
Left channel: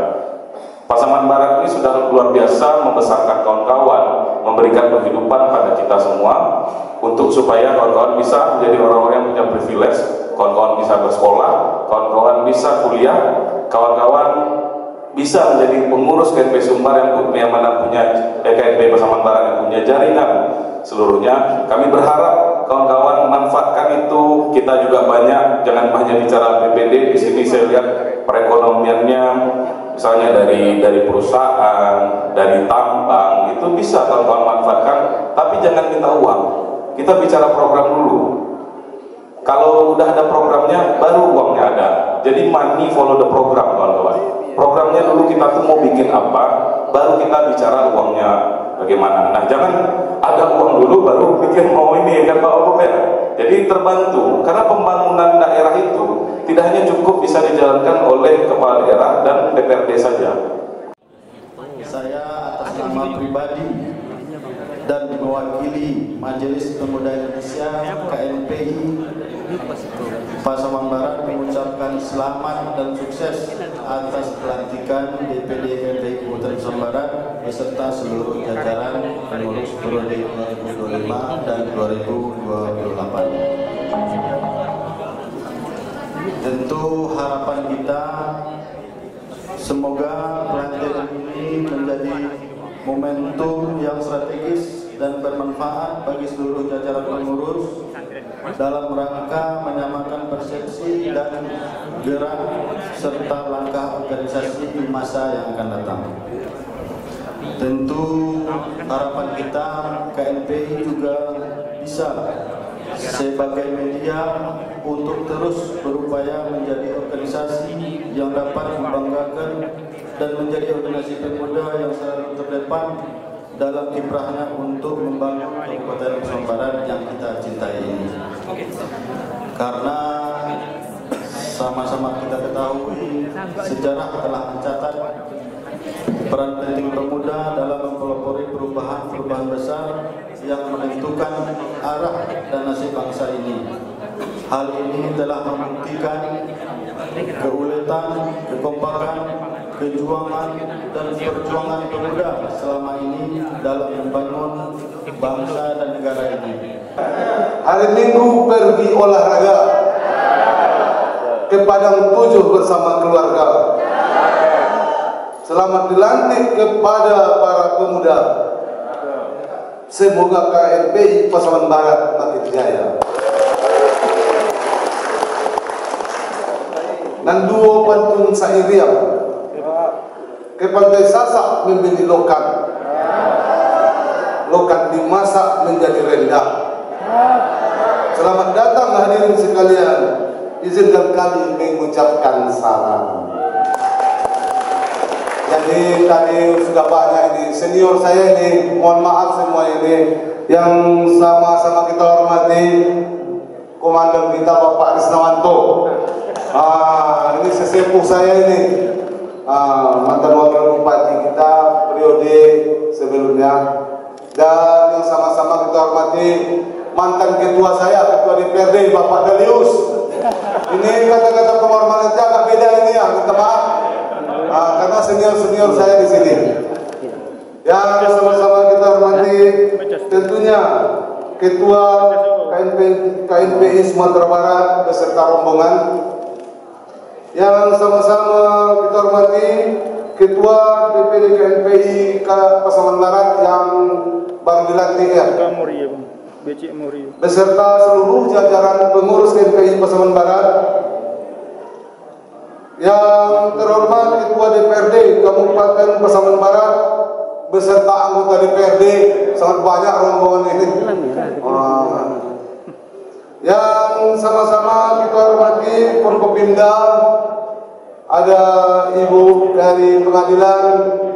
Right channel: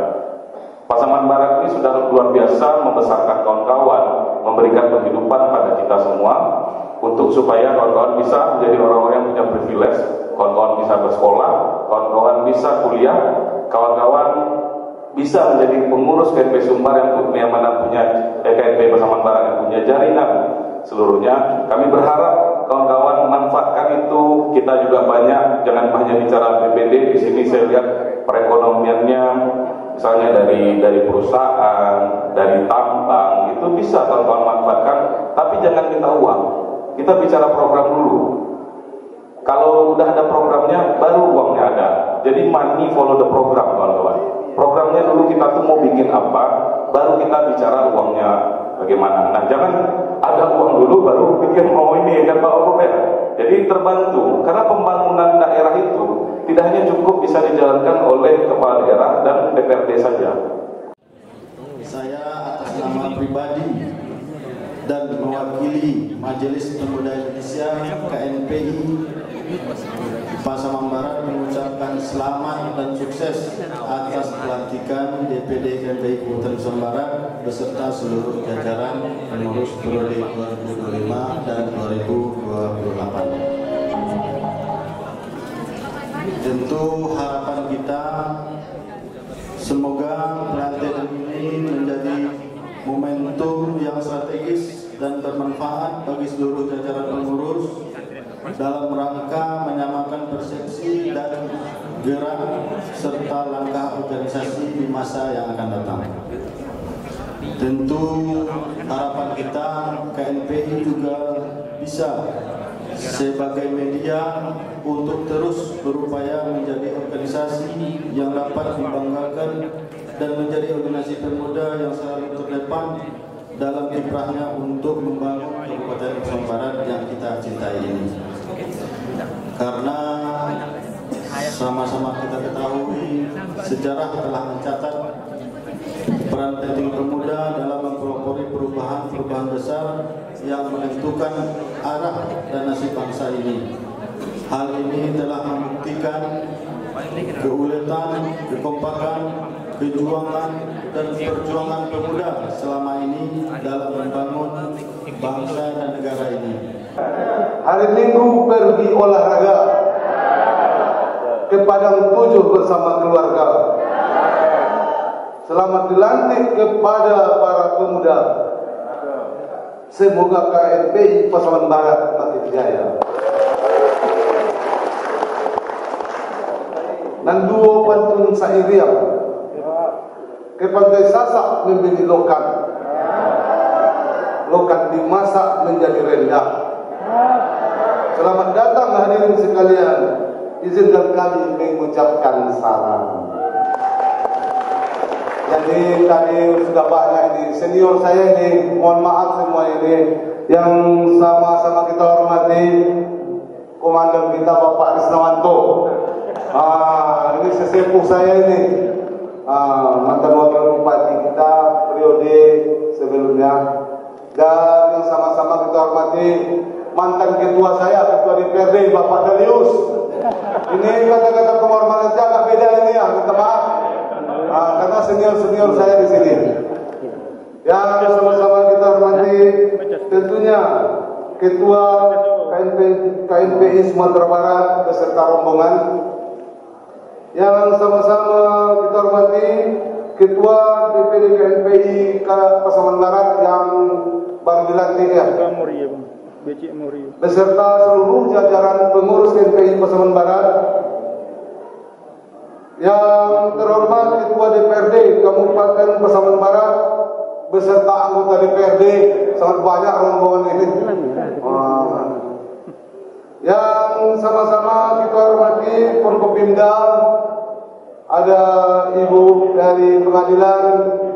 Pasaman Barat ini sudah luar biasa membesarkan kawan-kawan, memberikan penghidupan pada kita semua, untuk supaya kawan-kawan bisa menjadi orang-orang yang punya privilege, kawan-kawan bisa bersekolah, kawan-kawan bisa kuliah, kawan-kawan bisa menjadi pengurus KNP Sumbar yang mana punya KNP Pasaman Barat yang punya jaringan seluruhnya. Kami berharap kawan-kawan manfaatkan itu. Kita juga banyak, jangan hanya bicara PPD. Di sini saya lihat perekonomiannya, misalnya dari perusahaan, dari tambang, itu bisa kawan-kawan manfaatkan. Tapi jangan minta uang. Kita bicara program dulu. Kalau udah ada programnya, baru uangnya ada. Jadi money follow the program, kawan-kawan. Programnya dulu kita tuh mau bikin apa, baru kita bicara uangnya bagaimana. Nah, jangan ada uang dulu baru pikir mau ini, kan Pak Wagub ya. Jadi terbantu, karena pembangunan daerah itu tidak hanya cukup bisa dijalankan oleh kepala daerah dan DPRD saja. Saya atas nama pribadi dan mewakili Majelis Pemuda Indonesia KNPI Pasaman Barat mengucapkan selamat dan sukses atas pelantikan DPD KNPI Kabupaten Pasaman Barat beserta seluruh jajaran pengurus periode 2025 dan 2028. Tentu harapan kita semoga pelantikan ini menjadi momentum yang strategis dan bermanfaat bagi seluruh jajaran pengurus dalam rangka menyamakan persepsi dan gerak serta langkah organisasi di masa yang akan datang. Tentu harapan kita KNPI juga bisa sebagai media untuk terus berupaya menjadi organisasi yang dapat membanggakan dan menjadi organisasi pemuda yang selalu terdepan dalam kiprahnya untuk membangun Kabupaten Pasaman Barat yang kita cintai ini. Karena sama-sama kita ketahui sejarah telah mencatat peran penting pemuda dalam mempelopori perubahan besar yang menentukan arah dan nasib bangsa ini. Hal ini telah membuktikan keuletan, kekompakan, kejuangan dan perjuangan pemuda selama ini dalam membangun bangsa dan negara ini. Hari Minggu pergi olahraga ke Padang 7 bersama keluarga. Selamat dilantik kepada para pemuda. Semoga KNPI Pasaman Barat makin jaya. Dan duo pantun Sairiam ke Pantai Sasak membeli lokal. dimasak menjadi rendang. Selamat datang hadirin sekalian. Izinkan kami mengucapkan salam. Jadi tadi sudah banyak ini senior saya ini, mohon maaf semua ini yang sama-sama kita hormati komandan kita Bapak Krisnawanto. Ini sesepuh saya ini, mantan wakil bupati kita periode sebelumnya, dan yang sama-sama kita hormati mantan ketua saya, ketua DPRD Bapak Dalius. Ini kata-kata penghormatan agak beda ini ya, minta maaf. Karena senior-senior saya di sini. Yang sama-sama kita hormati tentunya Ketua KNPI Sumatera Barat beserta rombongan. Yang sama-sama kita hormati Ketua DPD KNPI Pasaman Barat yang baru dilantik ya. Beserta seluruh jajaran pengurus KNPI Pasaman Barat. Yang terhormat Ketua DPRD Kabupaten Pasaman Barat beserta anggota DPRD, sangat banyak rombongan ini. Yang sama-sama kita hormati Forkopimda, ada Ibu dari pengadilan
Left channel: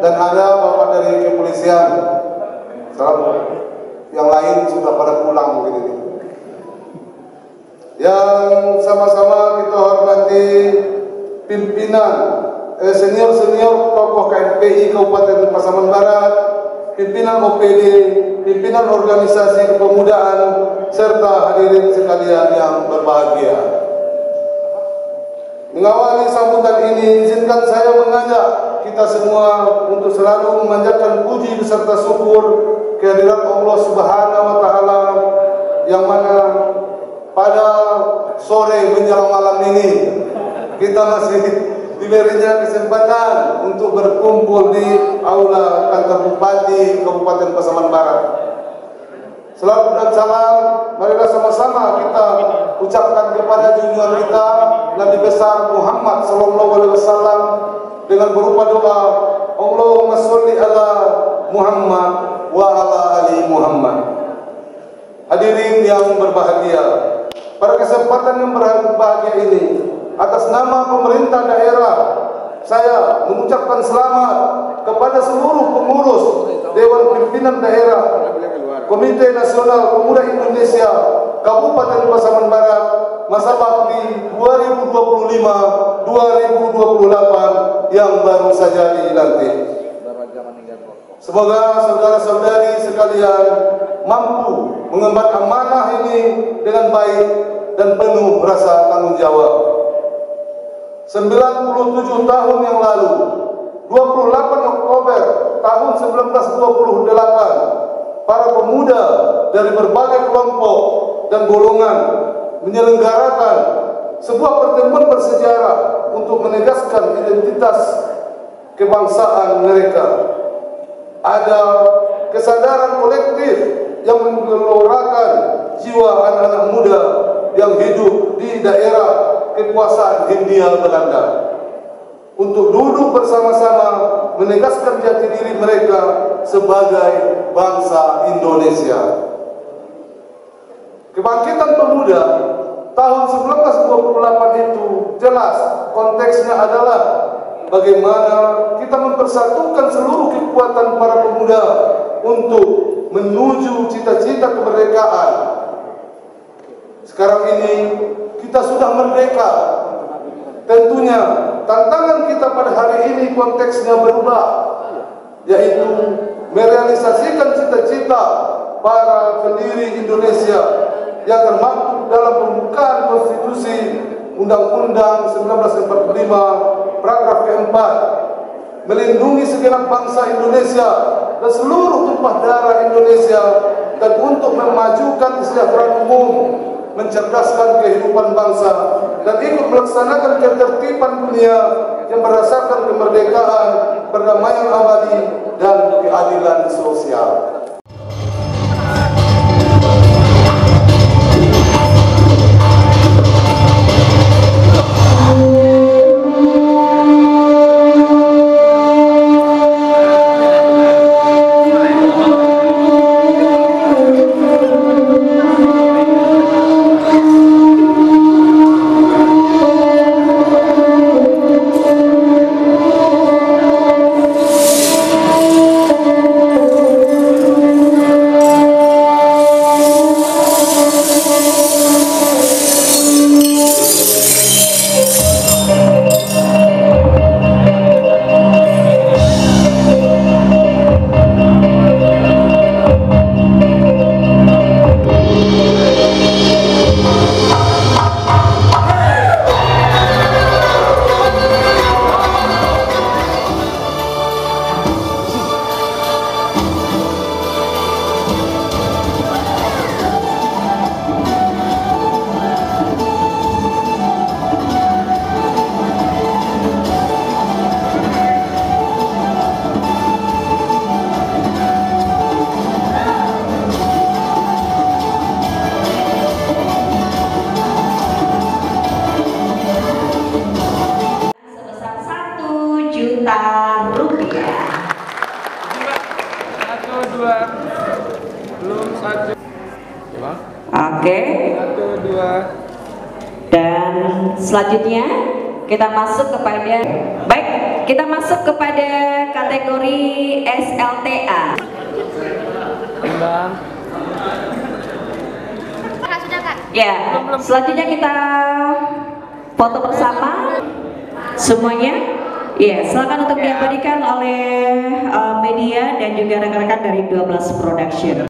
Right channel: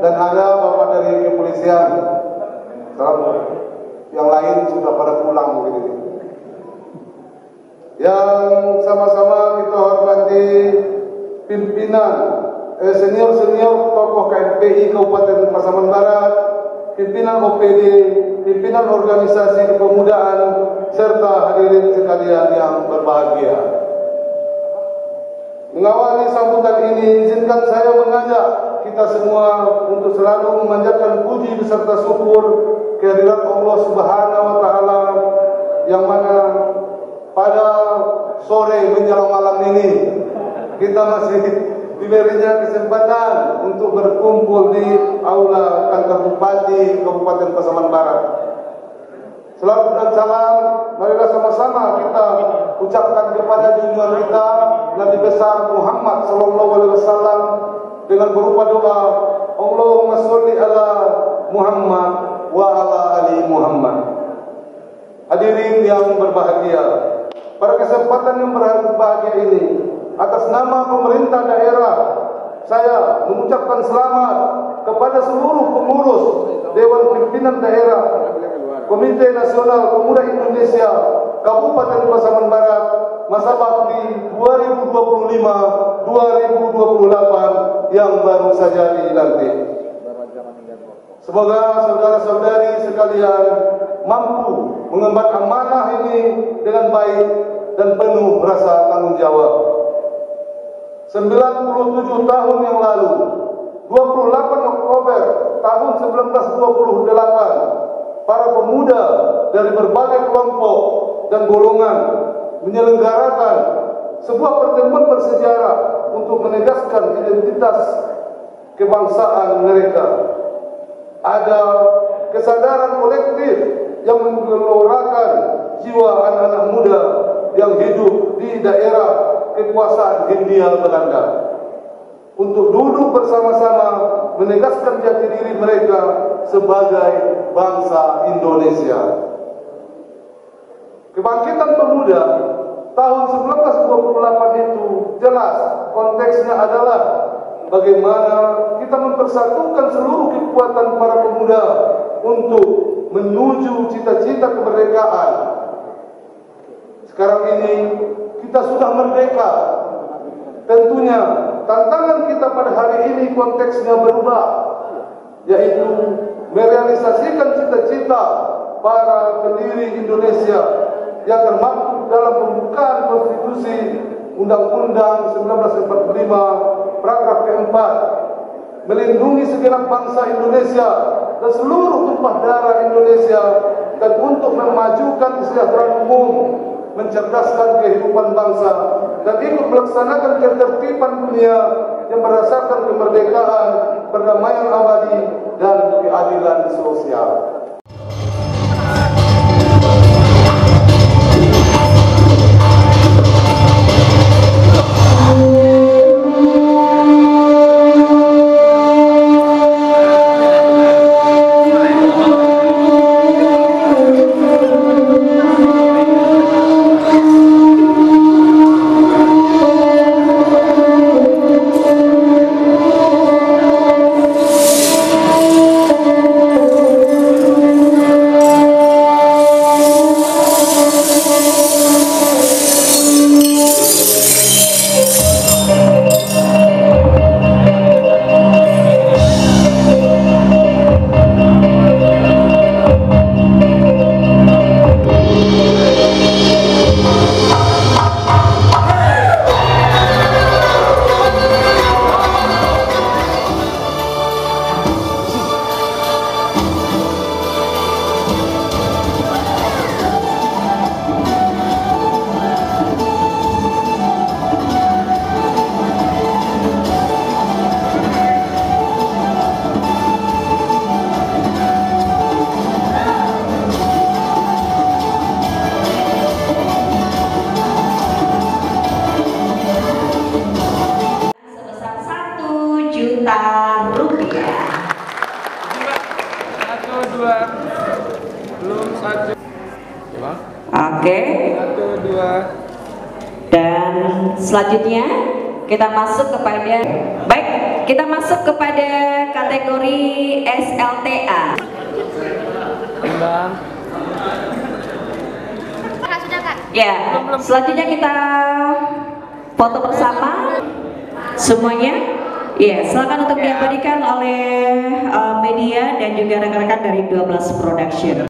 dan ada Bapak dari kepolisian. Yang lain sudah pada pulang mungkin ini. Yang sama-sama kita hormati pimpinan senior-senior tokoh KNPI Kabupaten Pasaman Barat, pimpinan OPD, pimpinan organisasi kepemudaan, serta hadirin sekalian yang berbahagia. Mengawali sambutan ini, izinkan saya mengajak kita semua untuk selalu memanjatkan puji beserta syukur kehadirat Allah Subhanahu wa Ta'ala, yang mana pada sore menjelang malam ini kita masih diberinya kesempatan untuk berkumpul di aula kantor Bupati Kabupaten Pasaman Barat. Selamat dan salam, marilah sama-sama kita ucapkan kepada junjungan kita Nabi besar Muhammad sallallahu alaihi wasallam dengan berupa doa, Allahumma sholli ala Muhammad wa ala ali Muhammad. Hadirin yang berbahagia, pada kesempatan yang berbahagia ini, atas nama pemerintah daerah, saya mengucapkan selamat kepada seluruh pengurus Dewan Pimpinan Daerah Komite Nasional Pemuda Indonesia Kabupaten Pasaman Barat masa bakti 2025-2028 yang baru saja dilantik. Semoga saudara-saudari sekalian mampu mengemban amanah ini dengan baik dan penuh rasa tanggung jawab. 97 tahun yang lalu, 28 Oktober tahun 1928, para pemuda dari berbagai kelompok dan golongan menyelenggarakan sebuah pertemuan bersejarah untuk menegaskan identitas kebangsaan mereka. Ada kesadaran kolektif yang menggelorakan jiwa anak-anak muda yang hidup di daerah kekuasaan Hindia Belanda untuk duduk bersama-sama menegaskan jati diri mereka sebagai bangsa Indonesia. Kebangkitan pemuda tahun 1928 itu jelas konteksnya adalah bagaimana kita mempersatukan seluruh kekuatan para pemuda untuk menuju cita-cita kemerdekaan. Sekarang ini kita sudah merdeka. Tentunya tantangan kita pada hari ini konteksnya berubah, yaitu merealisasikan cita-cita para pendiri Indonesia yang termaktub dalam pembukaan Konstitusi Undang-Undang 1945 paragraf keempat, melindungi segenap bangsa Indonesia dan seluruh tumpah darah Indonesia, dan untuk memajukan kesejahteraan umum, mencerdaskan kehidupan bangsa, dan ikut melaksanakan ketertiban dunia yang berdasarkan kemerdekaan, perdamaian abadi, dan keadilan sosial. dua. Belum satu. Oke. Satu, dua. Dan selanjutnya kita masuk kepada, baik, kita masuk kepada kategori SLTA. Bang. Sudah Kak. Ya, selanjutnya kita foto bersama semuanya. Ya, silakan untuk diabadikan oleh media dan juga rekan-rekan dari 12 Production.